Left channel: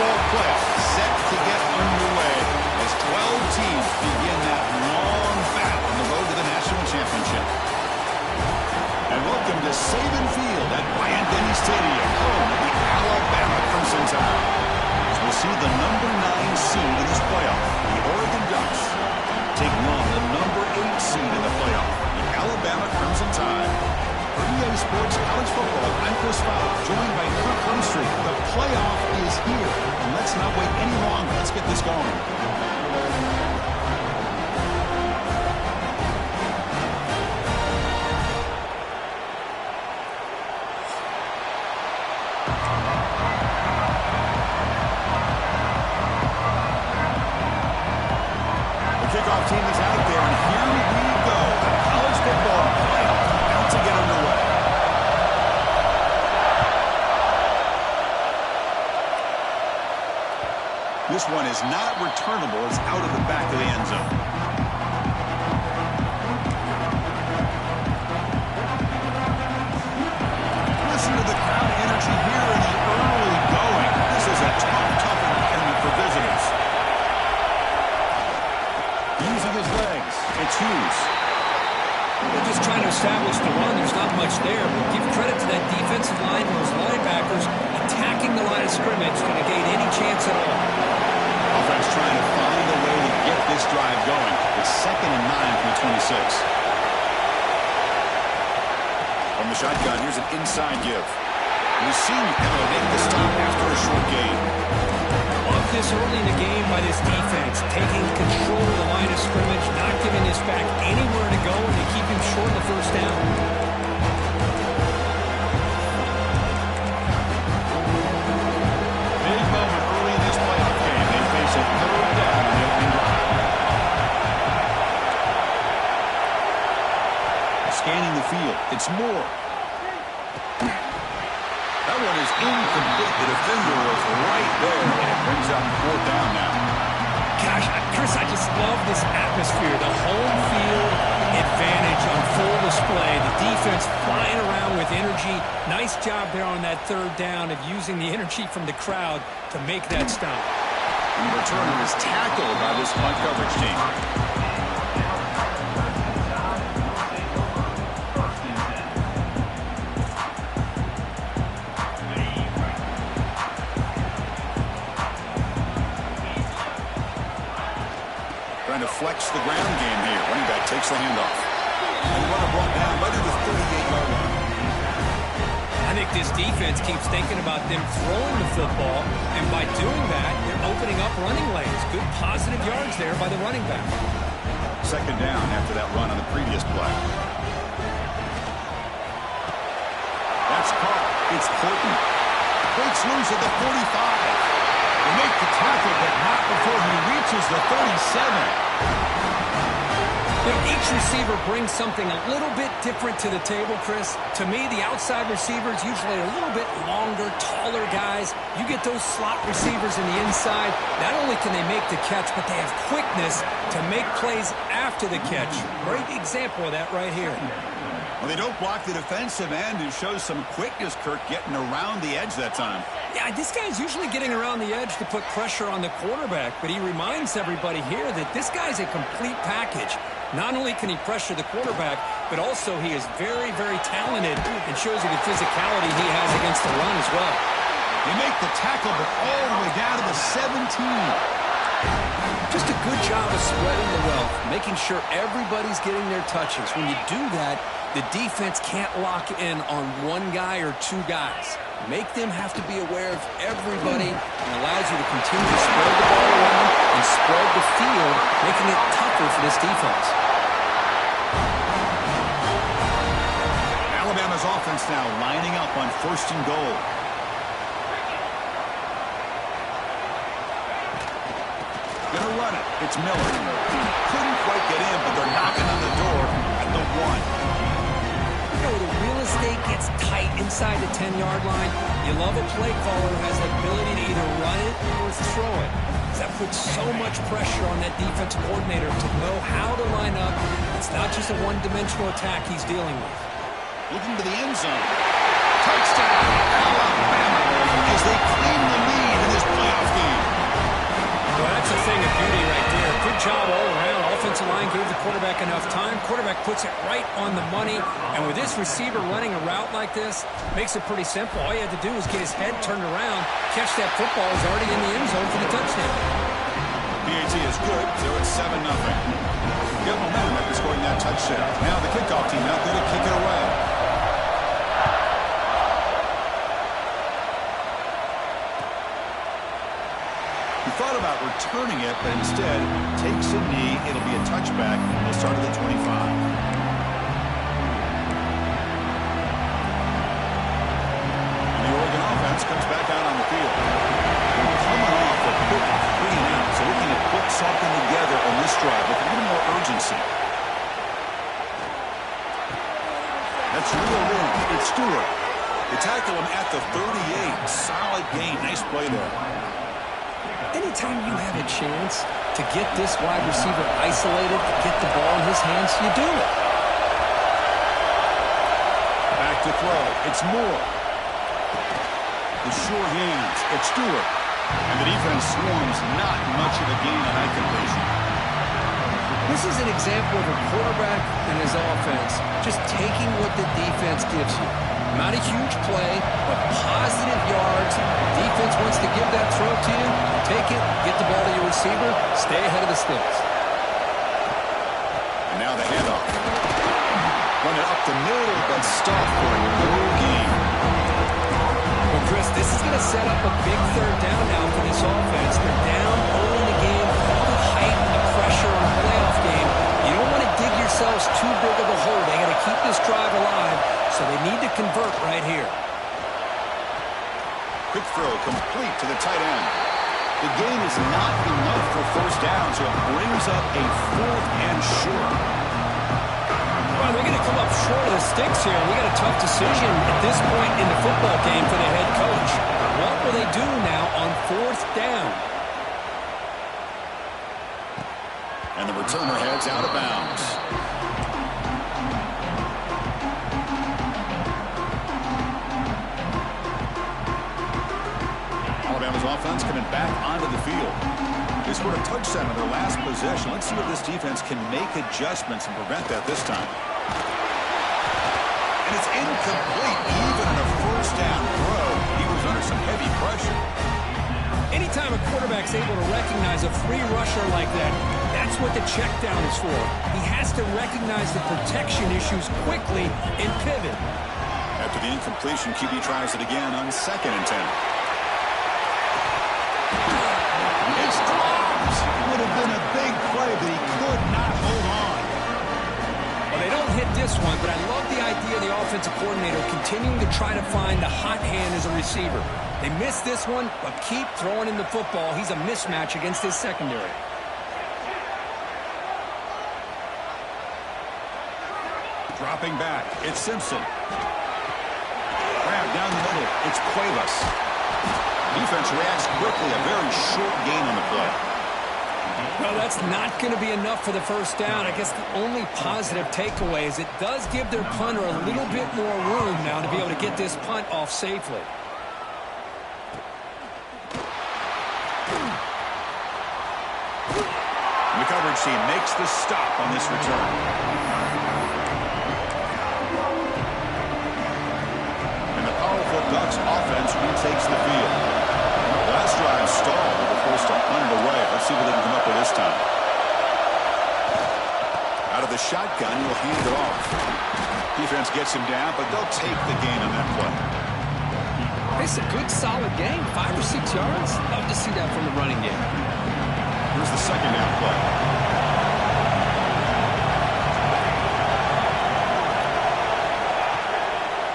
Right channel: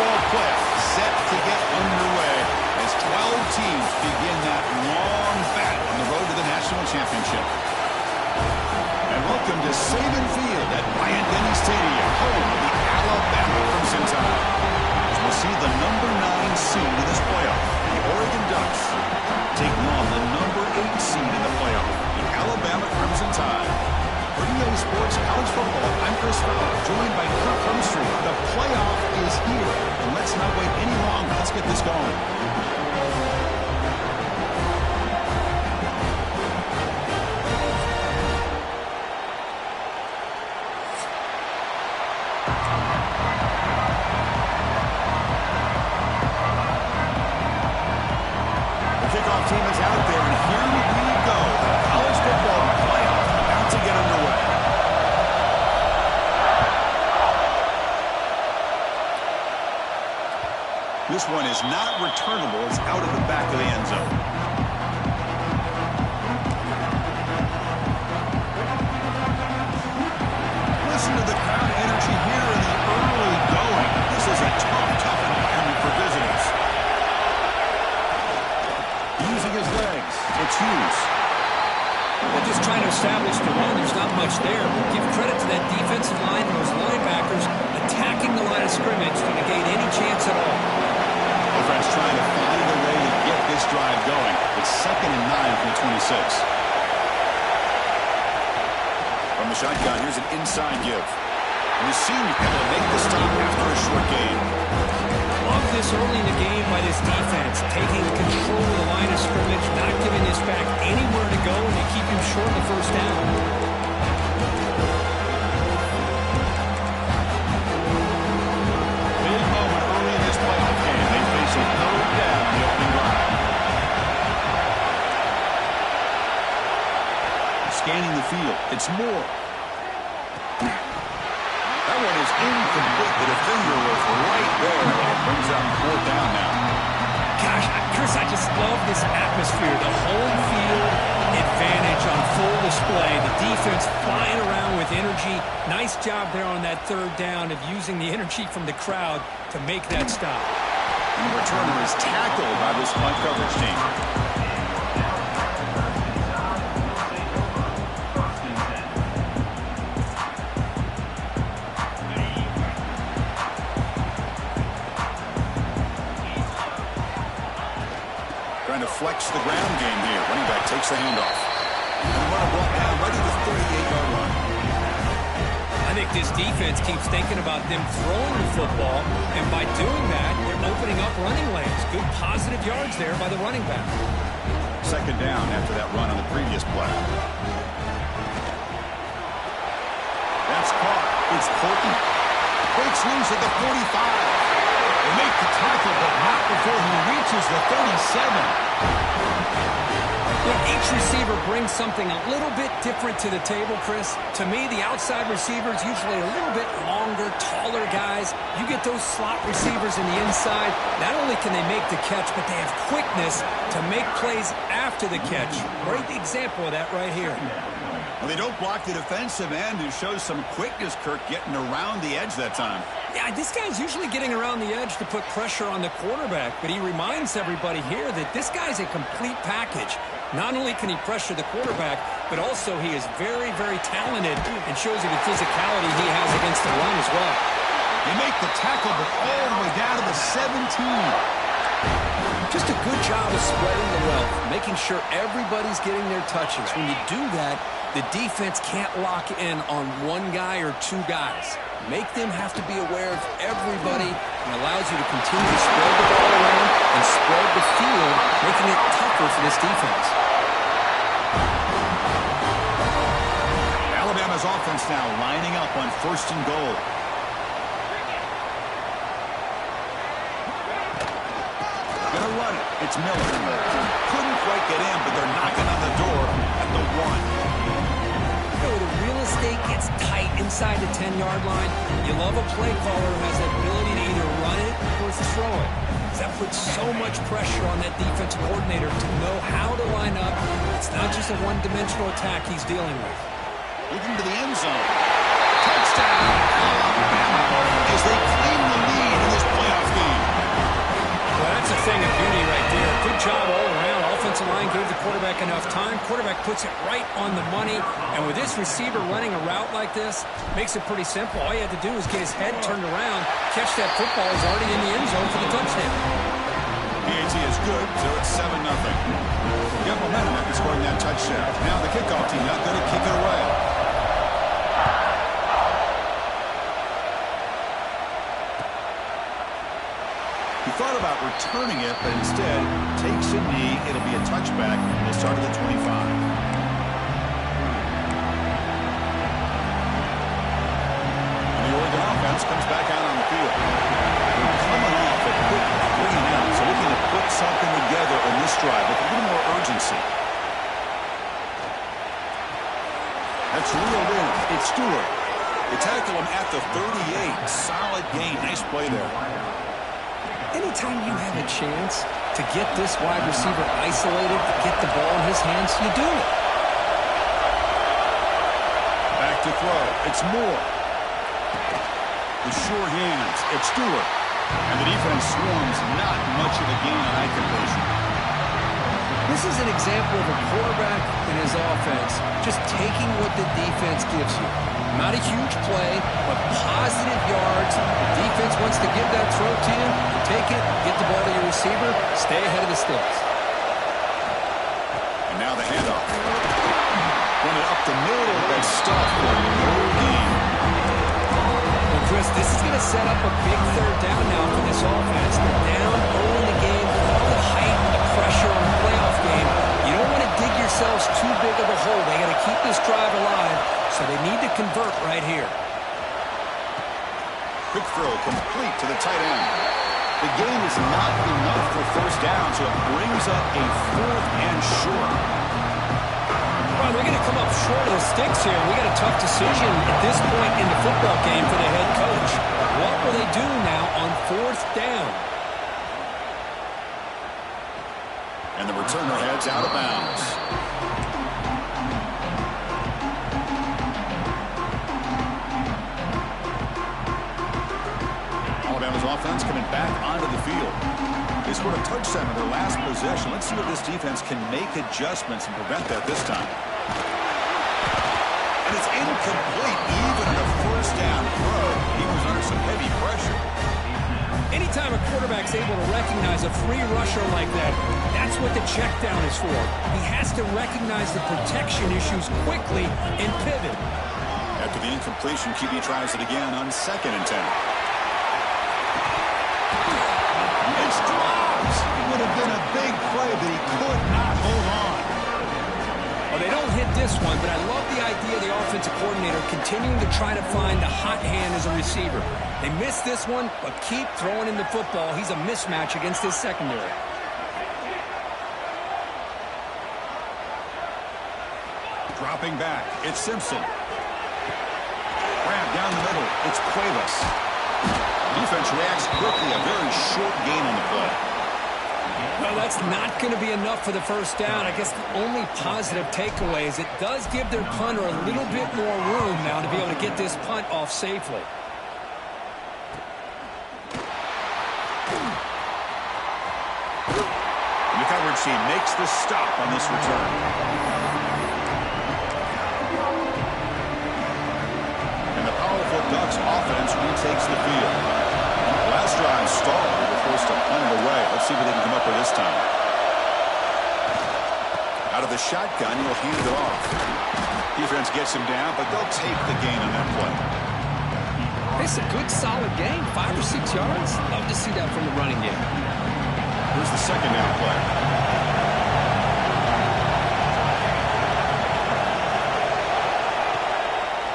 fall playoff set to get underway as 12 teams begin that long battle on the road to the national championship. And welcome to Saban Field at Bryant-Denny Stadium, home of the Alabama Crimson Tide. As we'll see the number 9 seed in this playoff, the Oregon Ducks, taking on the number 8 seed in the playoff, the Alabama Crimson Tide. For EA Sports College Football, I'm Chris Fowler, joined by Kirk Hermstreet. The playoff is here, and let's not wait any longer. Let's get this going. Kickoff team is out there, and here we go. The college football playoff about to get underway. This one is not returnable. It's out of the back of the end zone. Listen to the crowd energy here in the early going. This is a tough environment for visitors. Using his legs, it's Hughes. They're just trying to establish the run. There's not much there, but give credit to that defensive line and those linebackers attacking the line of scrimmage to negate any chance at all. Offense trying to find a way to get this drive going. It's 2nd and 9 from the 26. From the shotgun, here's an inside give. And the senior able to make the stop after a short gain. Love this early in the game by this defense, taking control of the line of scrimmage, not giving this back anywhere to go, and they keep him short of the first down. Big moment early in this playoff game. They face a 3rd down on the opening drive. Scanning the field, it's Moore. That one is incomplete. The defender was right there, and it brings up 4th down now. Gosh, Chris, I just love this atmosphere. The home field advantage on full display. The defense flying around with energy. Nice job there on that 3rd down of using the energy from the crowd to make that stop. And the returner is tackled by this punt coverage team. Trying to flex the ground game here. Running back takes the handoff. And the runner brought down right at the 38-yard line. I think this defense keeps thinking about them throwing the football, and by doing that, they're opening up running lanes. Good positive yards there by the running back. 2nd down after that run on the previous play. That's caught. It's Horton. Breaks loose at the 45. They make the tackle, but not before he reaches the 37. You know, each receiver brings something a little bit different to the table, Chris. To me, the outside receivers, usually a little bit longer, taller guys. You get those slot receivers in the inside. Not only can they make the catch, but they have quickness to make plays after the catch. Great example of that right here. Well, they don't block the defensive end, who shows some quickness, Kirk, getting around the edge that time. Yeah, this guy's usually getting around the edge to put pressure on the quarterback, but he reminds everybody here that this guy's a complete package. Not only can he pressure the quarterback, but also he is very, very talented and shows you the physicality he has against the run as well. They make the tackle, but all the way down to the 17. Just a good job of spreading the wealth, making sure everybody's getting their touches. When you do that, the defense can't lock in on one guy or 2 guys. Make them have to be aware of everybody, and allows you to continue to spread the ball around and spread the field, making it tougher for this defense. Alabama's offense now lining up on 1st and goal. Gonna run it. It's Miller. Couldn't quite get in, but they're knocking on the door at the 1. You know, the real estate gets tight inside the 10-yard line. You love a play caller who has the ability to either run it or throw it. That puts so much pressure on that defensive coordinator to know how to line up. It's not just a one-dimensional attack he's dealing with. Looking to the end zone. Touchdown, Alabama, as they claim the lead in this playoff That's a thing of beauty right there. Good job all around. Offensive line gave the quarterback enough time. Quarterback puts it right on the money. And with this receiver running a route like this, makes it pretty simple. All you had to do was get his head turned around, catch that football. He's already in the end zone for the touchdown. PAT is good, so it's 7-0. Got momentum after scoring that touchdown. Now the kickoff team out there to kick it away. He thought about returning it, but instead takes a knee. It'll be a touchback. He'll start at the 25. And the Oregon offense comes back out on the field. They're coming off a quick 3 and out, so looking to put something together on this drive with a little more urgency. That's reeled in. It's Stewart. They tackle him at the 38. Solid gain. Nice play there. Anytime you have a chance to get this wide receiver isolated, to get the ball in his hands, you do it. Back to throw. It's Moore. The sure hands. It's Stewart. And the defense swarms. Not much of a gain on that completion. This is an example of a quarterback and his offense just taking what the defense gives you. Not a huge play, but positive yards. The defense wants to give that throw to you. Take it, get the ball to your receiver, stay ahead of the sticks. And now the handoff. Run it up the middle, but stop for no gain. Well, Chris, this is going to set up a big third down now for this offense. They're down early in the game with all the hype and the pressure on a playoff game. You don't want to dig yourselves too big of a hole. They got to keep this drive alive, so they need to convert right here. Quick throw complete to the tight end. The gain is not enough for first down, so it brings up a 4th and short. Well, they're going to come up short of the sticks here. We got a tough decision at this point in the football game for the head coach. What will they do now on 4th down? And the returner heads out of bounds. Alabama's offense coming back onto the field. They scored a touchdown on their last possession. Let's see if this defense can make adjustments and prevent that this time. And it's incomplete. Even on a first down throw, he was under some heavy pressure. Anytime a quarterback's able to recognize a free rusher like that, that's what the check down is for. He has to recognize the protection issues quickly and pivot. After the incompletion, QB tries it again on 2nd and 10. It's dropped. It would have been a big play, but he could not hold on. Well, they don't hit this one, but I love the idea of the offensive coordinator continuing to try to find the hot hand as a receiver. They missed this one, but keep throwing in the football. He's a mismatch against his secondary. Dropping back, it's Simpson. Grab down the middle, it's Cuevas. Defense reacts quickly, a very short gain on the play. Well, that's not going to be enough for the first down. I guess the only positive takeaway is it does give their punter a little bit more room now to be able to get this punt off safely. And the coverage team makes the stop on this return. And the powerful Ducks offense retakes the field. Last drive stalled. They were forced to punt it away. Let's see what they can come up with this time. Out of the shotgun, he'll hand it off. Defense gets him down, but they'll take the gain on that play. It's a good, solid game. 5 or 6 yards. Love to see that from the running game. Here's the second down play.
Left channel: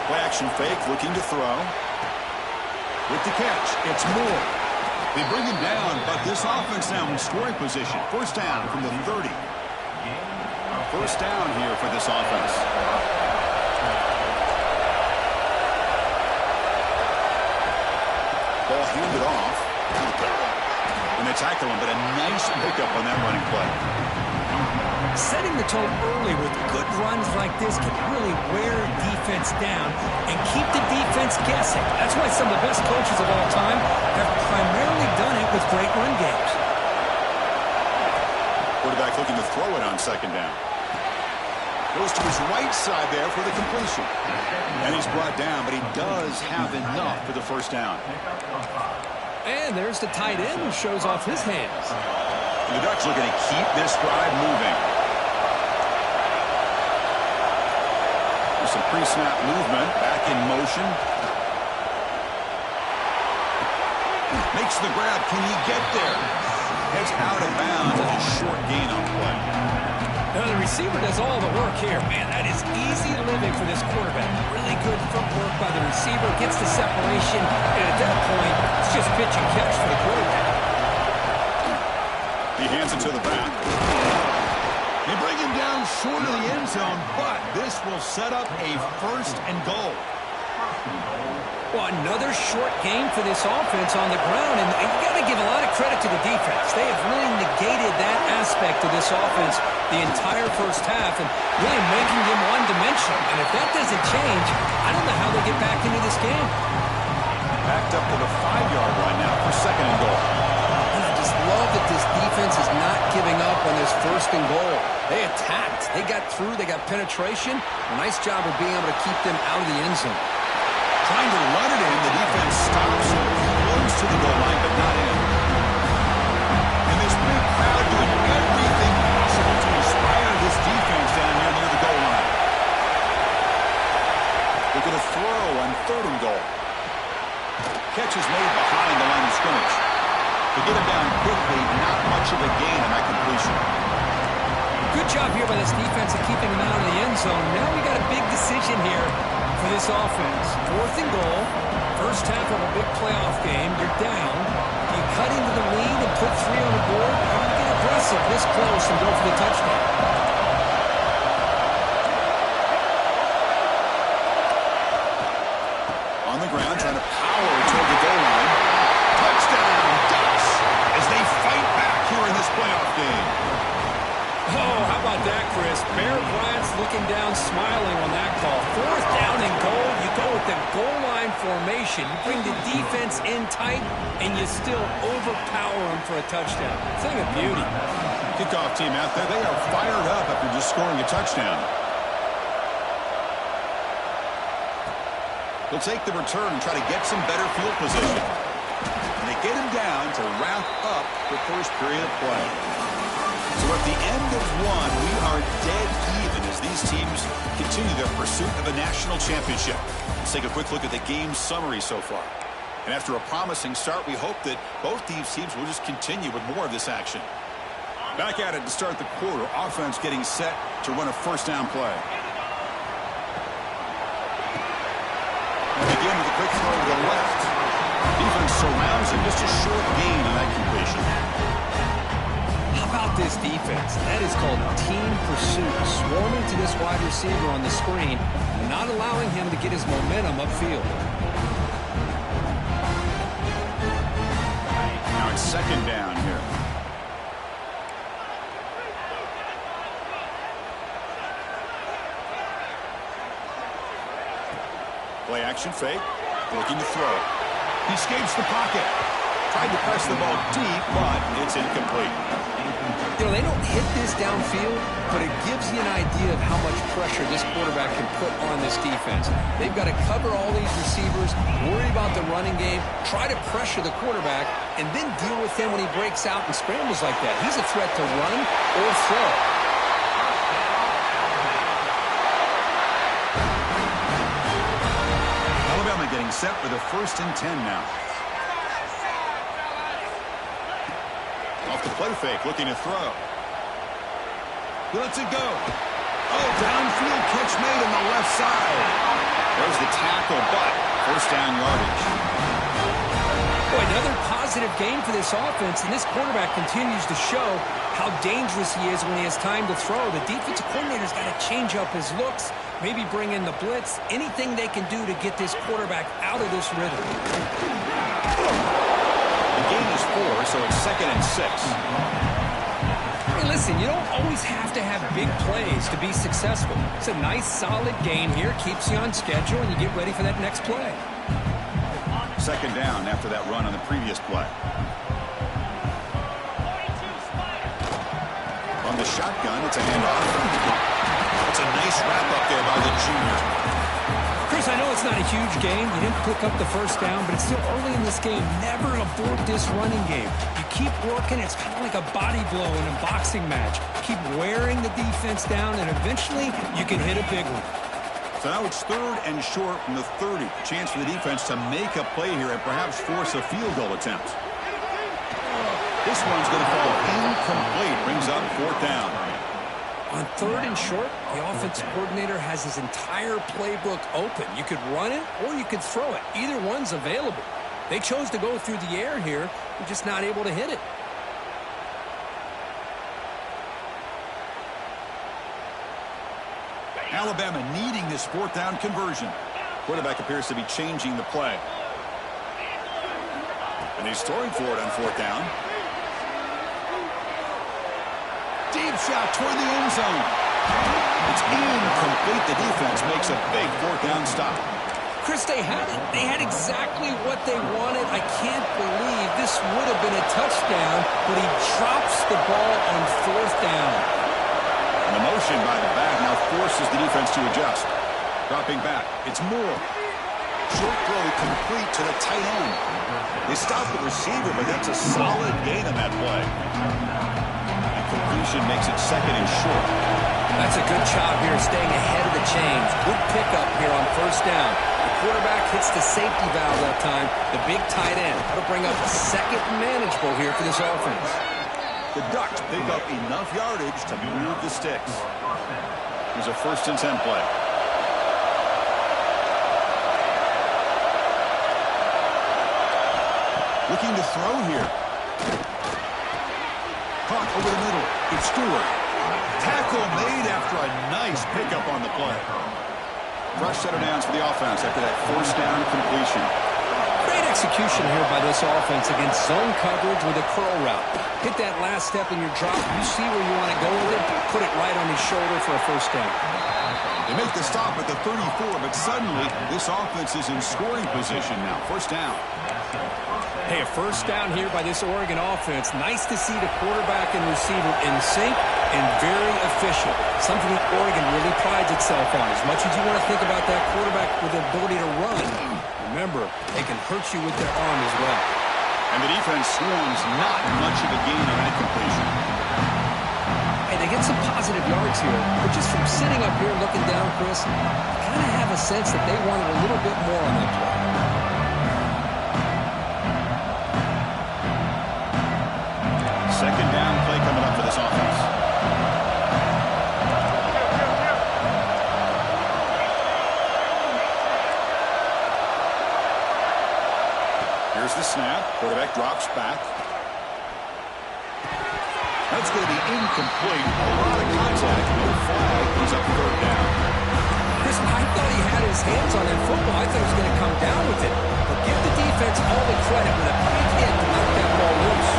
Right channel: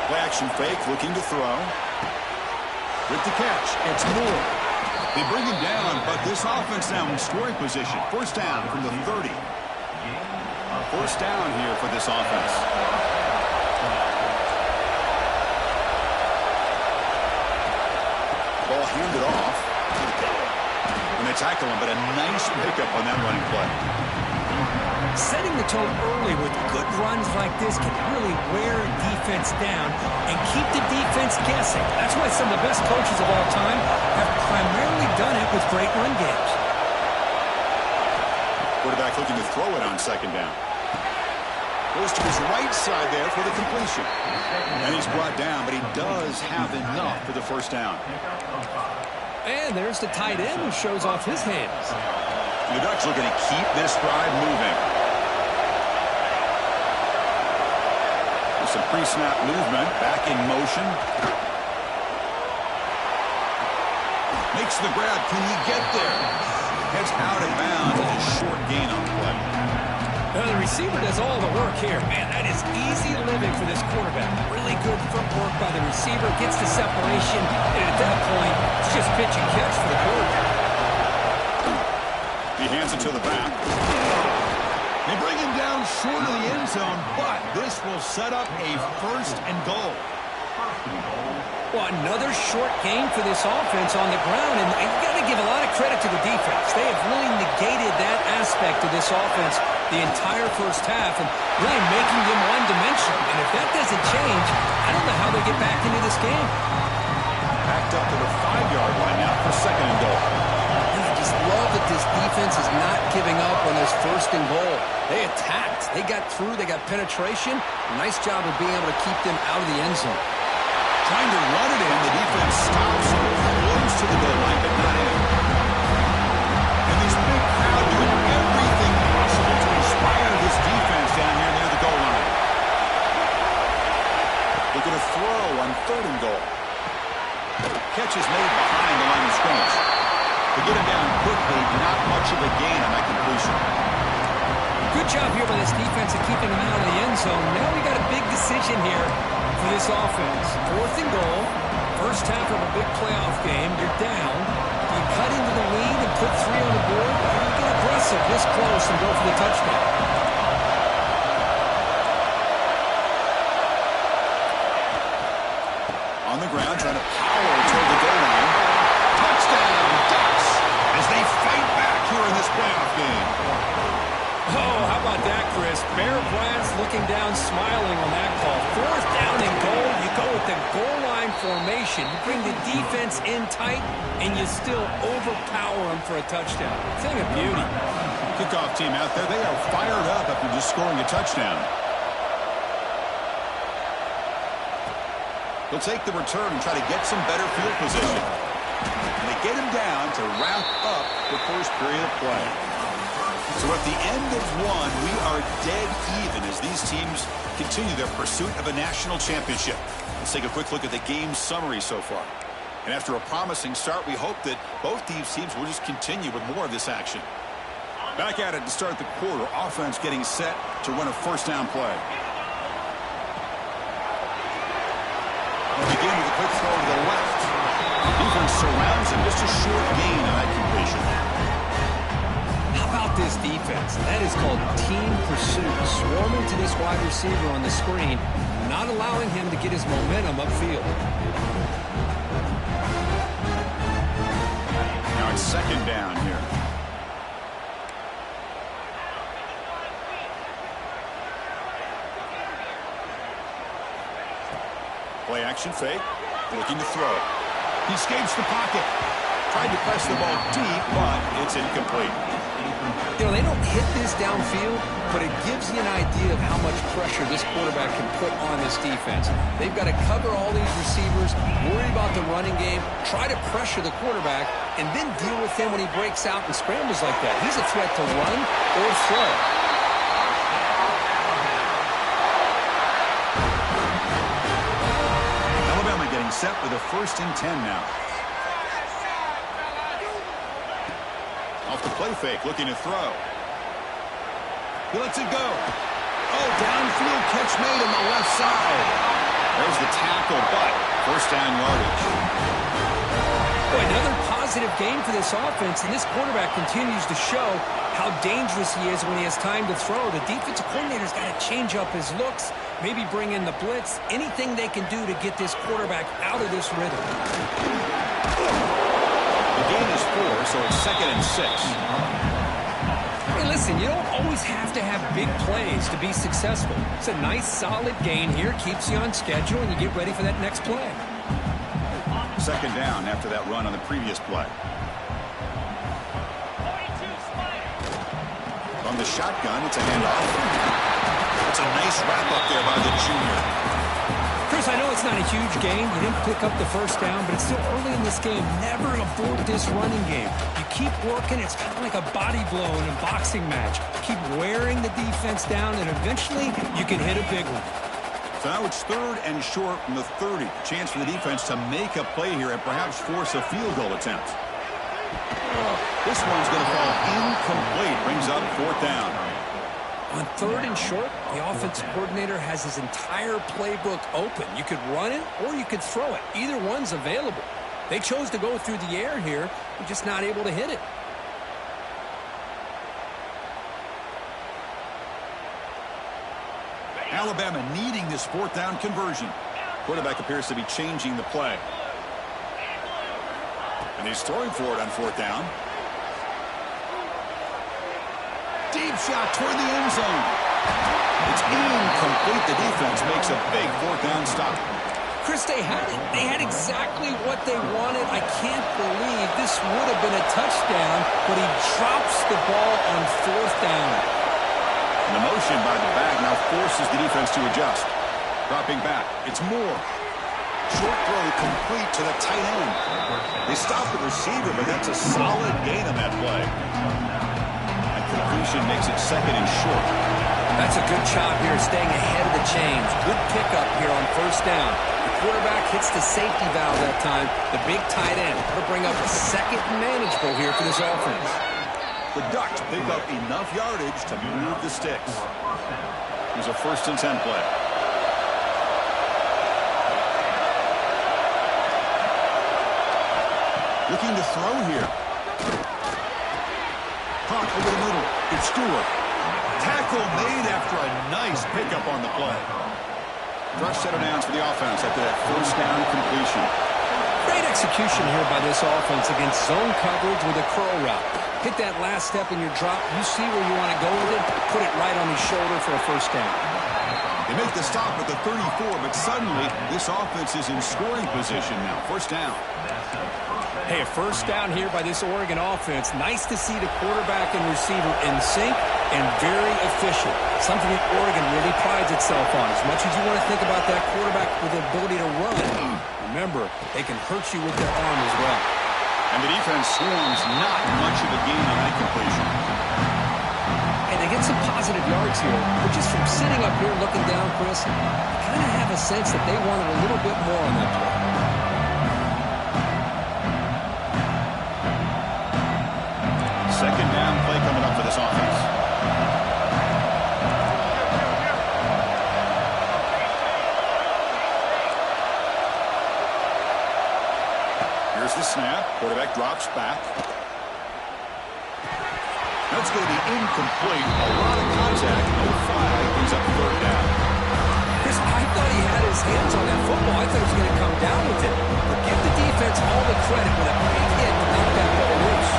Play action fake, looking to throw. With the catch, it's Moore. They bring him down, but this offense now in scoring position. First down from the 30. First down here for this offense. Ball handed off. And they tackle him, but a nice pickup on that running play. Setting the tone early with good runs like this can really wear a defense down and keep the defense guessing. That's why some of the best coaches of all time have primarily done it with great run games. Quarterback looking to throw it on second down. Goes to his right side there for the completion. And he's brought down, but he does have enough for the first down. And there's the tight end who shows off his hands. The Ducks looking to keep this drive moving. There's some pre-snap movement. Back in motion. Makes the grab. Can he get there? Heads out of bounds. And a short gain on the play. Now the receiver does all the work here. Man, that is easy living for this quarterback. Really good footwork by the receiver. Gets the separation. And at that point, it's just pitch and catch for the quarterback. He hands it to the back. They bring him down short of the end zone, but this will set up a first and goal. Well, another short game for this offense on the ground, and you got to give a lot of credit to the defense. They have really negated that aspect of this offense the entire first half and really making them one-dimensional. And if that doesn't change, I don't know how they get back into this game. Backed up to the 5-yard line now for second and goal. And I just love that this defense is not giving up on this first and goal. They attacked. They got through. They got penetration. A nice job of being able to keep them out of the end zone. Trying to run it in. The defense stops him close to the goal line, but not in. And this big crowd doing everything possible to inspire this defense down here near the goal line. Looking to throw on third and goal. Catch is made behind the line of scrimmage. To get him down quickly, not much of a gain on that completion. Good job here by this defense of keeping him out of the end zone. Now we got a big decision here for this offense. Fourth and goal. First half of a big playoff game. You're down. Do you cut into the lead and put 3 on the board? Or do you get aggressive this close and go for the touchdown? On the ground, trying to power toward the goal line. Touchdown, Ducks, as they fight back here in this playoff game. Oh, how about that, Chris? Bear Bryant's looking down, smiling on that call. Fourth down and goal. You go with the goal line formation. You bring the defense in tight, and you still overpower them for a touchdown. Thing of beauty. Kickoff team out there, they are fired up after just scoring a touchdown. They'll take the return and try to get some better field position. And they get him down to wrap up the first period of play. So at the end of one, we are dead even as these teams continue their pursuit of a national championship. Let's take a quick look at the game summary so far. And after a promising start, we hope that both these teams will just continue with more of this action. Back at it to start the quarter. Offense getting set to run a first down play. We'll begin with a quick throw to the left. Defense surrounds him. Just a short gain on that completion. How about this defense? That is called team pursuit. Swarming to this wide receiver on the screen, not allowing him to get his momentum upfield. Now it's second down here. Play action fake. Looking to throw. He escapes the pocket. Tried to press the ball deep, but it's incomplete. You know, they don't hit this downfield, but it gives you an idea of how much pressure this quarterback can put on this defense. They've got to cover all these receivers, worry about the running game, try to pressure the quarterback, and then deal with him when he breaks out and scrambles like that. He's a threat to run or throw. Alabama getting set with a 1st and 10 now. Off the play fake, looking to throw. He lets it go. Oh, downfield catch made on the left side. There's the tackle, but first down yardage. Boy, another positive game for this offense, and this quarterback continues to show how dangerous he is when he has time to throw. The defensive coordinator's got to change up his looks, maybe bring in the blitz, anything they can do to get this quarterback out of this rhythm. The gain is 4, so it's 2nd and 6. Hey, listen, you don't always have to have big plays to be successful. It's a nice, solid gain here, keeps you on schedule, and you get ready for that next play. Second down after that run on the previous play. from the shotgun. It's a handoff. It's a nice wrap-up there by the junior. Chris, I know it's not a huge game. You didn't pick up the first down, but it's still early in this game. Never abort this running game. You keep working. It's kind of like a body blow in a boxing match. Keep wearing the defense down, and eventually you can hit a big one. So now it's 3rd and short from the 30. Chance for the defense to make a play here and perhaps force a field goal attempt. This one's going to fall incomplete. Brings up 4th down. On 3rd and short, the offensive coordinator has his entire playbook open. You could run it or you could throw it. Either one's available. They chose to go through the air here. They're just not able to hit it. Alabama needing this 4th down conversion. Quarterback appears to be changing the play. And he's throwing for it on 4th down. Deep shot toward the end zone. It's incomplete. The defense makes a big 4th down stop. Chris, they had it. They had exactly what they wanted. I can't believe this would have been a touchdown, but he drops the ball on 4th down. And the motion by the back now forces the defense to adjust. Dropping back. It's Moore. Short throw complete to the tight end. They stop the receiver, but that's a solid gain on that play. Completion makes it 2nd and short. That's a good job here staying ahead of the chains. Good pickup here on 1st down. The quarterback hits the safety valve that time. The big tight end. That'll bring up 2nd and manageable here for this offense. The Ducks pick up enough yardage to move the sticks. Here's a 1st and 10 play. Looking to throw here. Caught over the middle. It's Stewart. Tackle made after a nice pickup on the play. Fresh set of downs for the offense after that 1st down completion. Great execution here by this offense against zone coverage with a curl route. Hit that last step in your drop. You see where you want to go with it. Put it right on his shoulder for a 1st down. They make the stop at the 34, but suddenly this offense is in scoring position now. 1st down. Hey, a 1st down here by this Oregon offense. Nice to see the quarterback and receiver in sync and very efficient. Something that Oregon really prides itself on. As much as you want to think about that quarterback with the ability to run, remember, they can hurt you with their arm as well. And the defense swarms not much of a gain on that completion. Hey, they get some positive yards here, but just from sitting up here looking down, Chris, you kind of have a sense that they wanted a little bit more on that play. 2nd down play coming up for this offense. Here's the snap. Quarterback drops back. That's going to be incomplete. A lot of contact. No flag. Brings up 3rd down. Chris, I thought he had his hands on that football. I thought he was going to come down with it. But give the defense all the credit with a big hit to knock that ball loose.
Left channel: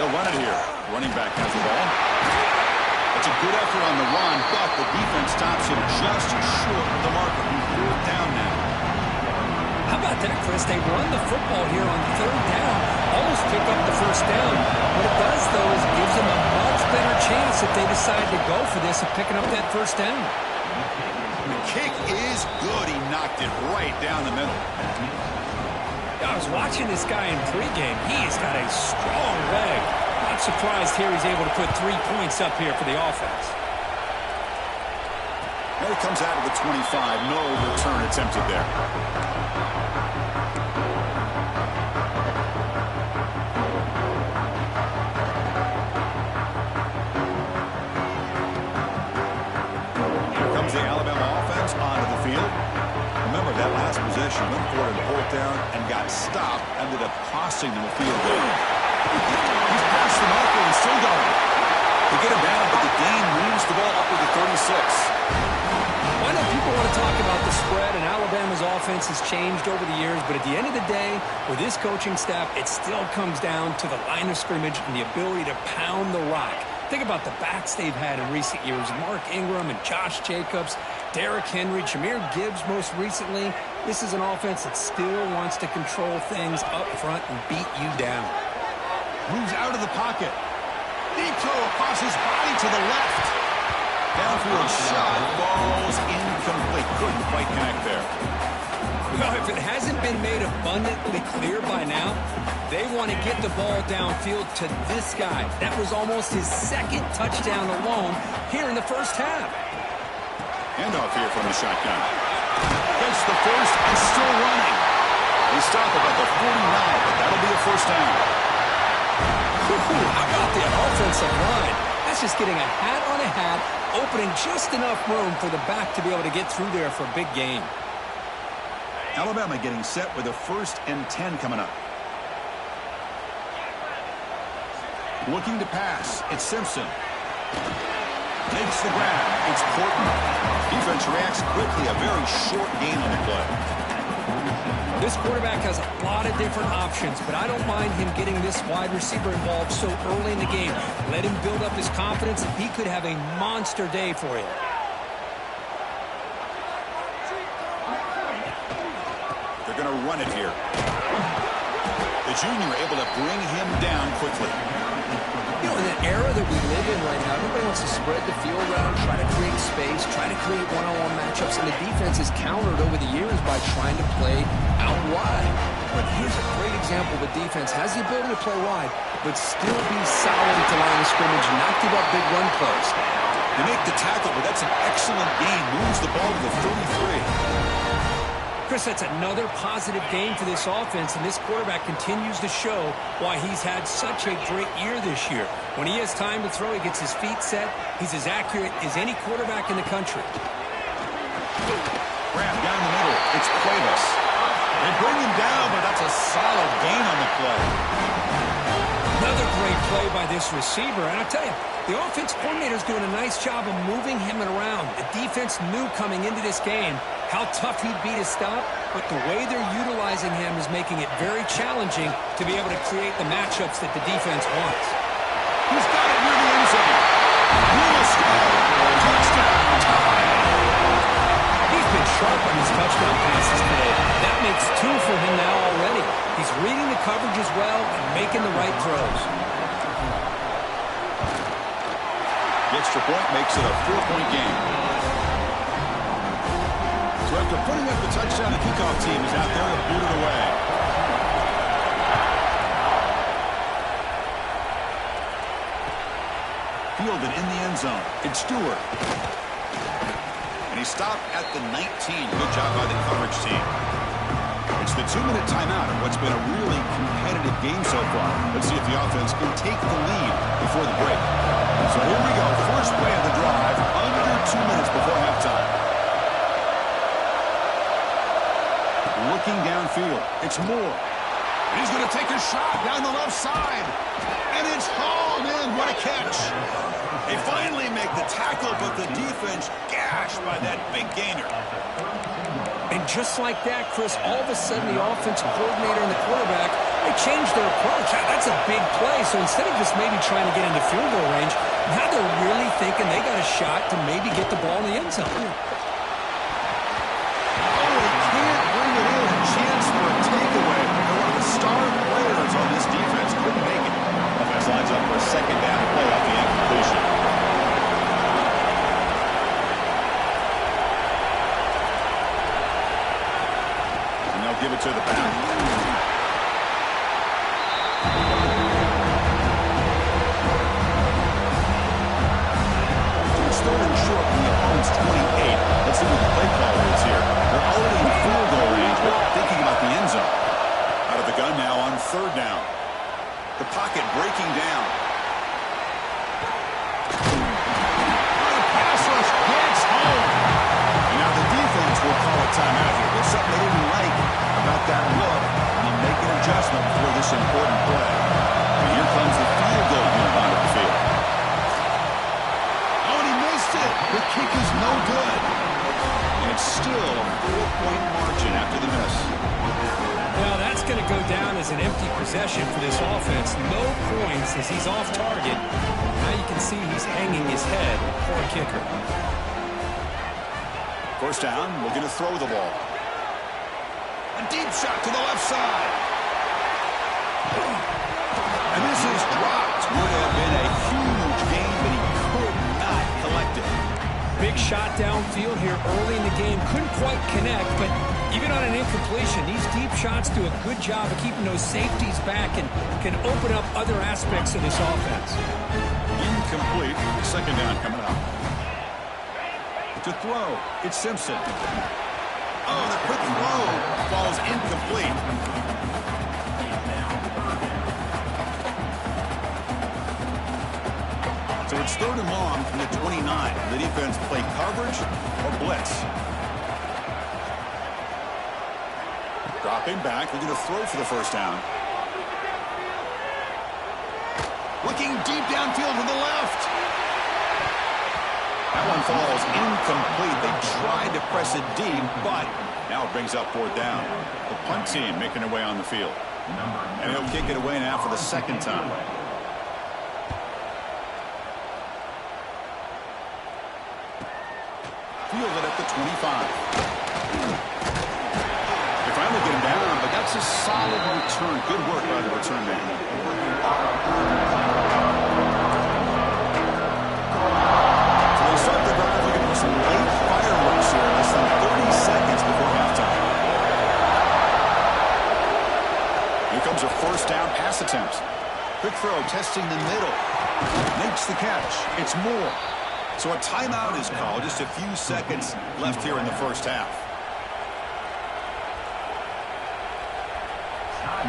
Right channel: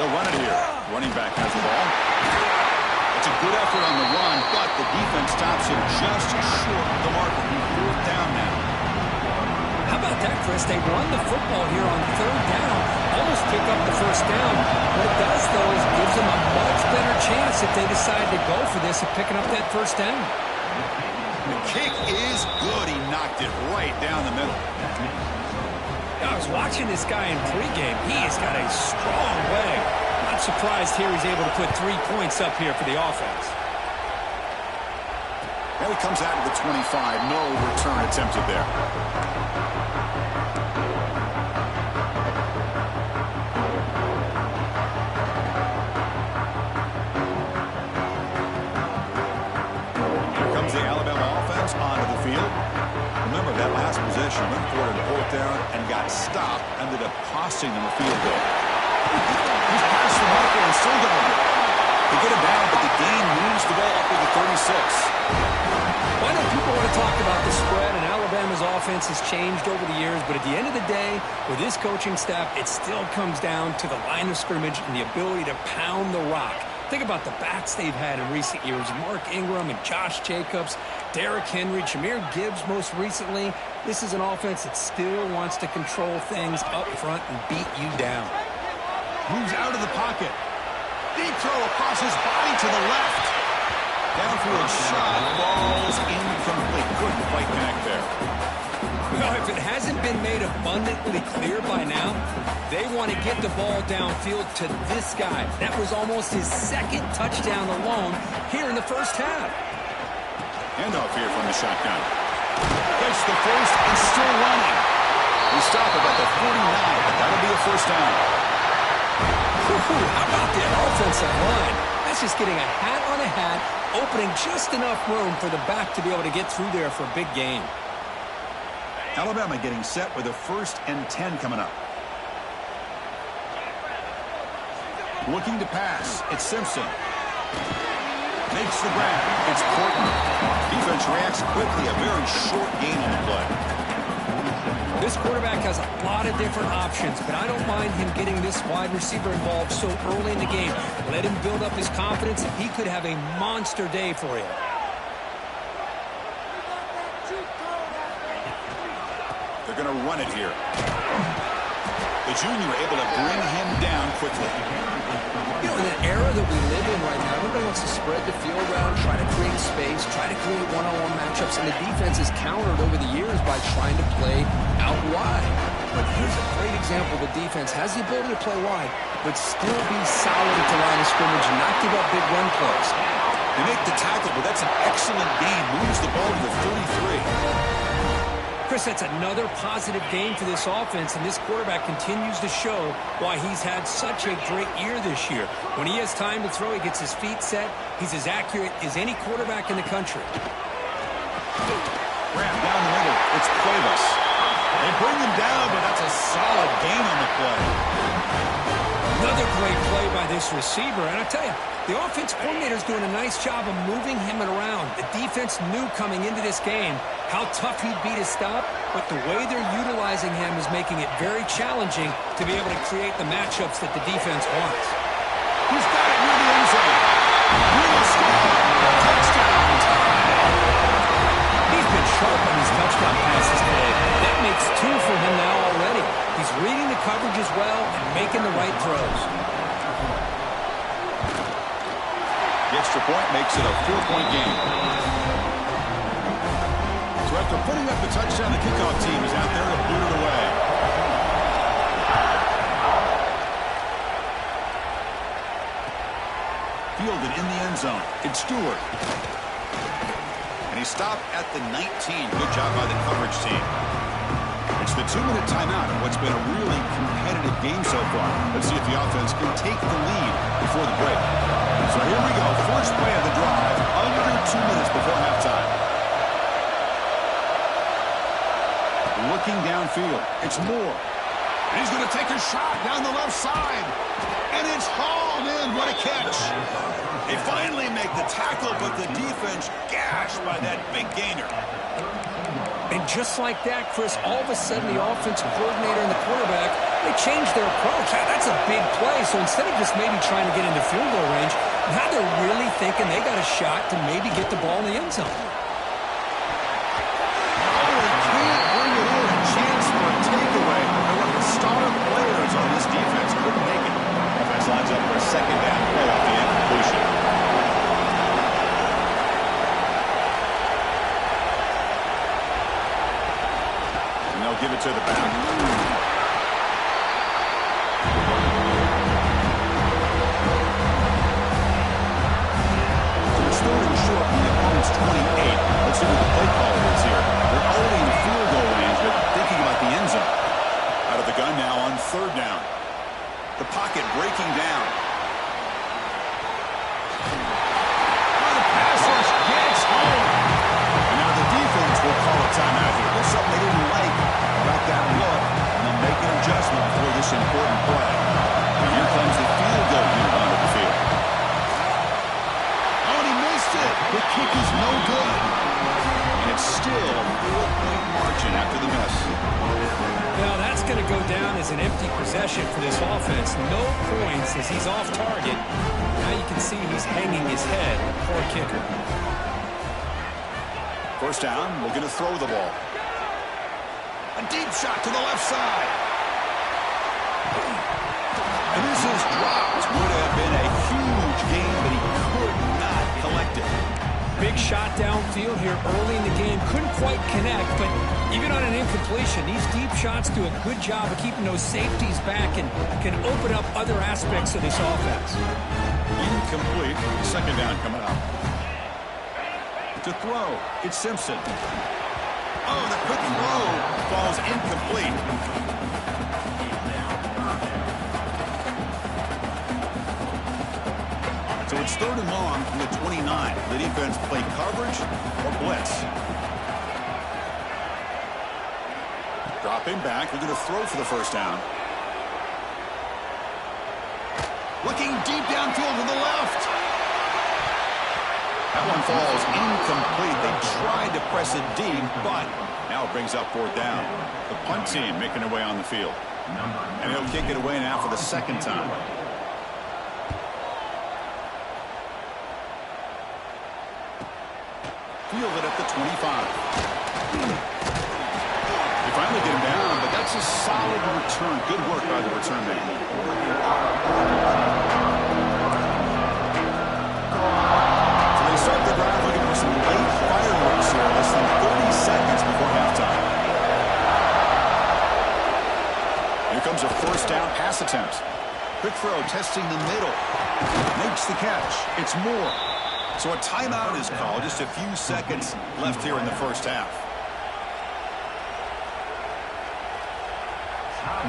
They'll run it here. Running back has the ball. It's a good effort on the run, but the defense stops him just short of the marker. 4th down now. How about that, Chris? They run the football here on 3rd down. Almost pick up the 1st down. What it does, though, is gives them a much better chance if they decide to go for this of picking up that 1st down. The kick is good. He knocked it right down the middle. I was watching this guy in pregame. He has got a strong leg. Not surprised here he's able to put 3 points up here for the offense. And it comes out of the 25. No return attempted there. Here comes the Alabama offense onto the field. Remember, that last possession went forward to 4th down and got stopped. Ended up costing them a field goal. He's past the marker and still going. They get him down, but the gain moves the ball up to the 36. I know people want to talk about the spread, and Alabama's offense has changed over the years, but at the end of the day, with this coaching staff, it still comes down to the line of scrimmage and the ability to pound the rock. Think about the backs they've had in recent years. Mark Ingram and Josh Jacobs, Derrick Henry, Jahmyr Gibbs most recently. This is an offense that still wants to control things up front and beat you down. Moves out of the pocket. Deep throw across his body to the left. Downfield shot falls incomplete. Couldn't quite connect there. Well, if it hasn't been made abundantly clear by now, they want to get the ball downfield to this guy. That was almost his second touchdown alone here in the first half. Handoff here from the shotgun. Gets the first and still running. They stop about the 49, but that'll be a first down. How about that offensive line? That's just getting a hat on a hat, opening just enough room for the back to be able to get through there for a big gain. Alabama getting set with a 1st and 10 coming up. Looking to pass. It's Simpson. Makes the grab. It's Corton. Defense reacts quickly. A very short gain on the play. This quarterback has a lot of different options, but I don't mind him getting this wide receiver involved so early in the game. Let him build up his confidence. He could have a monster day for you. They're going to run it here. The junior able to bring him down quickly. You know, in the era that we live in right now, everybody wants to spread the field around, try to create space, try to create one-on-one matchups, and the defense is countered over the years by trying to play out wide. But here's a great example. The defense has the ability to play wide, but still be solid at the line of scrimmage and not give up big run plays. They make the tackle, but that's an excellent gain. Moves the ball to the 33. Chris, that's another positive game for this offense, and this quarterback continues to show why he's had such a great year this year. When he has time to throw, he gets his feet set. He's as accurate as any quarterback in the country. Grab down the middle. It's Cuevas. They bring him down, but that's a solid gain on the play. Another great play by this receiver, and I tell you, the offense coordinator's doing a nice job of moving him around. The defense knew coming into this game how tough he'd be to stop, but the way they're utilizing him is making it very challenging to be able to create the matchups that the defense wants. He's got it near the end zone. He will score. Touchdown time. He's been sharp on his touchdown passes today. That makes 2 for him now already. He's reading the coverage as well and making the right throws. The extra point makes it a 4-point game. So after putting up the touchdown, the kickoff team is out there to boot it away. Fielded in the end zone. It's Stewart. And he stopped at the 19. Good job by the coverage team. It's the 2-minute timeout of what's been a really competitive game so far. Let's see if the offense can take the lead before the break. So here we go. First play of the drive, under 2 minutes before halftime. Looking downfield. It's Moore. And he's going to take a shot down the left side. And it's hauled in. What a catch. They finally make the tackle, but the defense gashed by that big gainer. And just like that, Chris, all of a sudden the offensive coordinator and the quarterback, they changed their approach. That's a big play. So instead of just maybe trying to get into field goal range, now they're really thinking they got a shot to maybe get the ball in the end zone. Oh, they can't bring it in. A chance for a takeaway. And one of the star players on this defense couldn't make it. Offense lines up for a second down play off the incompletion. They'll give it to the back. So it's 3rd and short from the opponent's 28. Let's see what the play caller is here. They're already in field goal range, but thinking about the end zone. Out of the gun now on 3rd down. The pocket breaking down. Oh, the pass rush gets home. And now the defense will call a timeout here. There's something they didn't like about that look, and they'll make an adjustment for this important play. And here comes the field goal unit onto the field. Oh, and he missed it. The kick is no good. And it's still a 4-point margin after the miss. Well, that's going to go down as an empty possession for this offense. No points as he's off target. Now you can see he's hanging his head for a kicker. First down, looking to throw the ball. A deep shot to the left side. And this is dropped. Would have been a huge gain, but he could not collect it. Big shot downfield here early in the game. Couldn't quite connect, but even on an incompletion, these deep shots do a good job of keeping those safeties back and can open up other aspects of this offense. Incomplete. Second down coming up. To throw, it's Simpson. Oh, the quick throw falls incomplete. So it's 3rd and long from the 29. The defense play coverage or blitz. Dropping back. They're going to throw for the first down. Looking deep downfield to the left. That one falls incomplete. They tried to press it deep, but now it brings up 4th down. The punt team making their way on the field. And he'll kick it away now for the second time. Fielded at the 25. They finally get him down, but that's a solid return. Good work by the return man. So they start the drive looking for some late fireworks here, less than 30 seconds before halftime. Here comes a first down pass attempt. Quick throw, testing the middle. Makes the catch. It's Moore. So a timeout is called. Just a few seconds left here in the first half.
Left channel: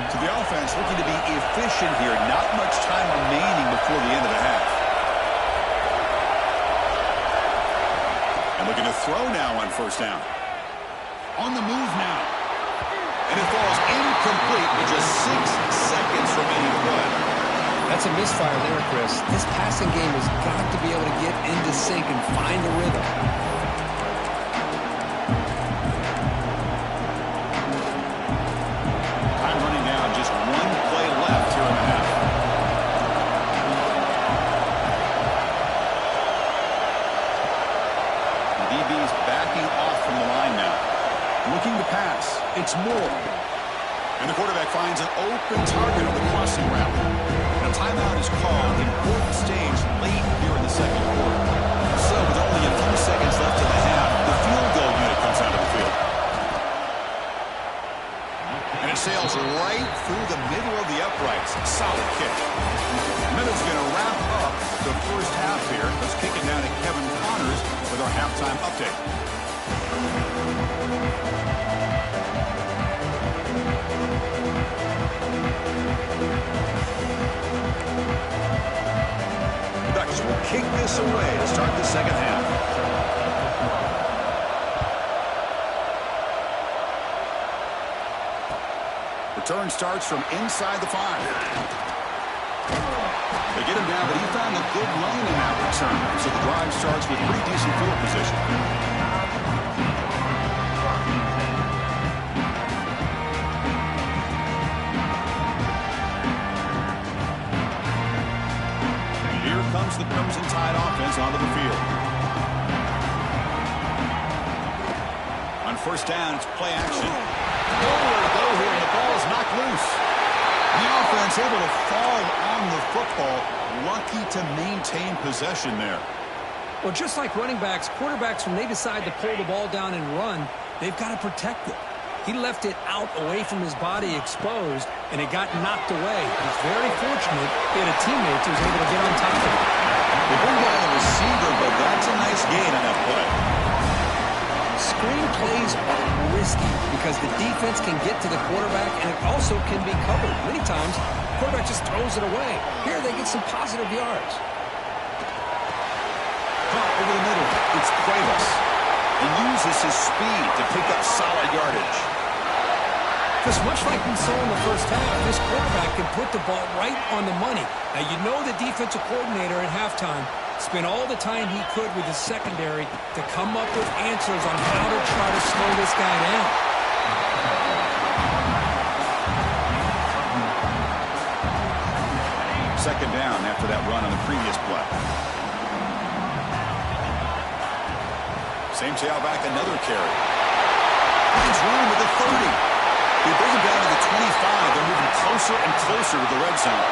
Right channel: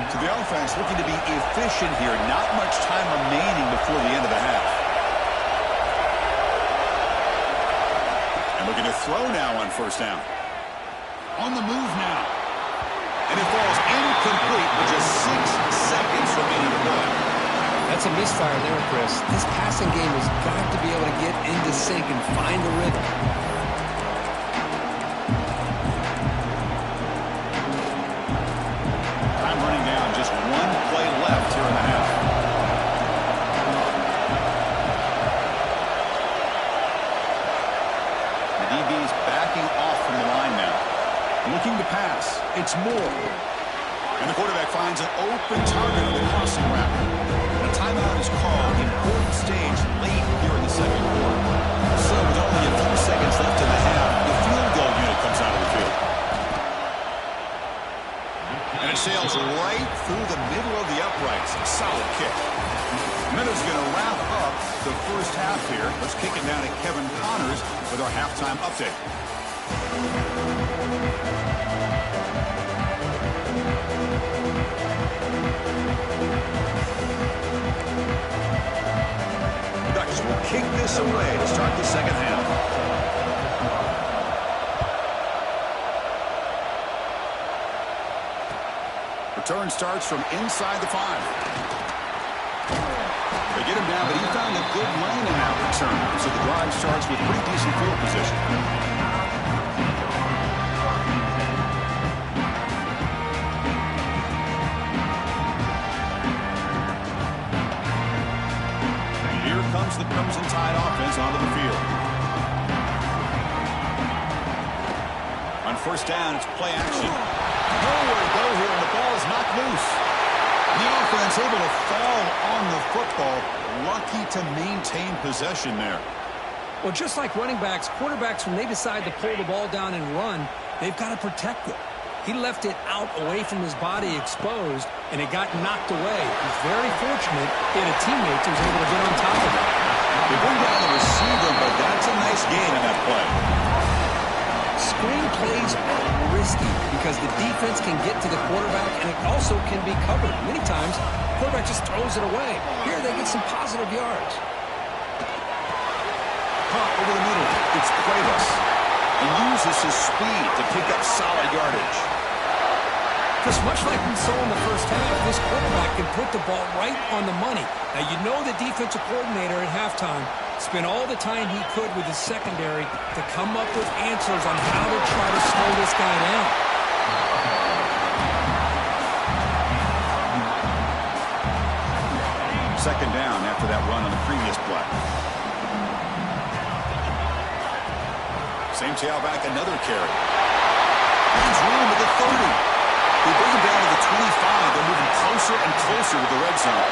So the offense looking to be efficient here. Not much time remaining before the end of the half. And looking to throw now on first down. On the move now. And it falls incomplete with just 6 seconds remaining to play. That's a misfire there, Chris. This passing game has got to be able to get into sync and find the rhythm. Time running down. Just 1 play left here in the half. The DB's backing off from the line now. Looking to pass. It's Moore. And the quarterback finds an open target on the crossing route. And a timeout is called. Important stage late here in the second quarter. So with only a few seconds left in the half, the field goal unit comes out of the field. And it sails right through the middle of the uprights. Solid kick. Minutes going to wrap up the first half here. Let's kick it down to Kevin Connors with our halftime update. The Ducks will kick this away to start the second half. Return starts from inside the 5. They get him down, but he found a good lane in that return. So the drive starts with pretty decent field position. Here comes the Crimson Tide offense onto the field. On first down, it's play action. Nowhere to go here, and the ball is knocked loose. The offense able to fall on the football. Lucky to maintain possession there. Well, just like running backs, quarterbacks, when they decide to pull the ball down and run, they've got to protect it. He left it out away from his body exposed, and it got knocked away. He's very fortunate he had a teammate who was able to get on top of it. They bring down the receiver, but that's a nice gain on that play. Screen plays are risky because the defense can get to the quarterback, and it also can be covered. Many times, the quarterback just throws it away. Here, they get some positive yards. Caught over the middle. It's Cuevas. And uses his speed to pick up solid yardage. Because much like we saw in the first half, this quarterback can put the ball right on the money. Now, you know the defensive coordinator at halftime spent all the time he could with his secondary to come up with answers on how to try to slow this guy down. Second down after that run on the previous play. Same tailback, another carry. Finds room at the 30. They bring him down to the 25. They're moving closer and closer to the red zone.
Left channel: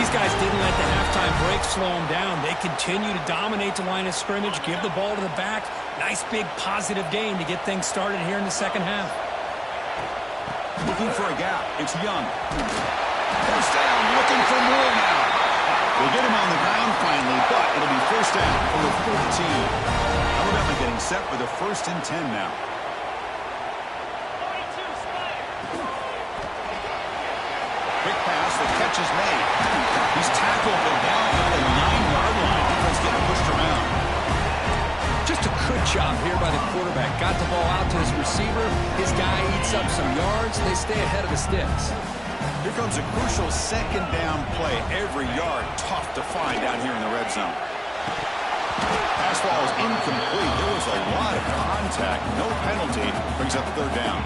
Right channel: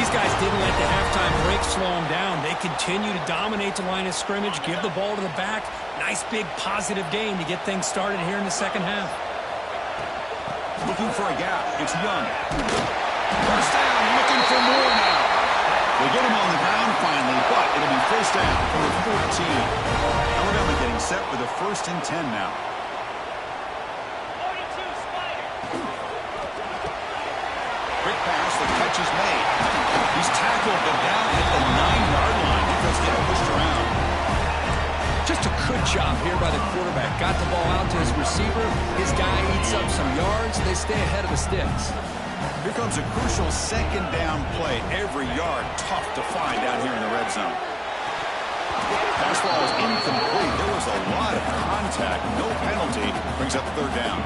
These guys didn't let the halftime break slow them down. They continue to dominate the line of scrimmage, give the ball to the back. Nice big positive game to get things started here in the second half. Looking for a gap. It's Young. First down, looking for more now. They get him on the ground finally, but it'll be first down for a 14. Alabama getting set with a 1st and 10 now. Quick pass, the catch is made. He's tackled, but down at the 9-yard line. Defense getting pushed around. Just a good job here by the quarterback. Got the ball out to his receiver. His guy eats up some yards. They stay ahead of the sticks. Here comes a crucial 2nd down play. Every yard tough to find down here in the red zone. Pass ball is incomplete. There was a lot of contact. No penalty. Brings up 3rd down.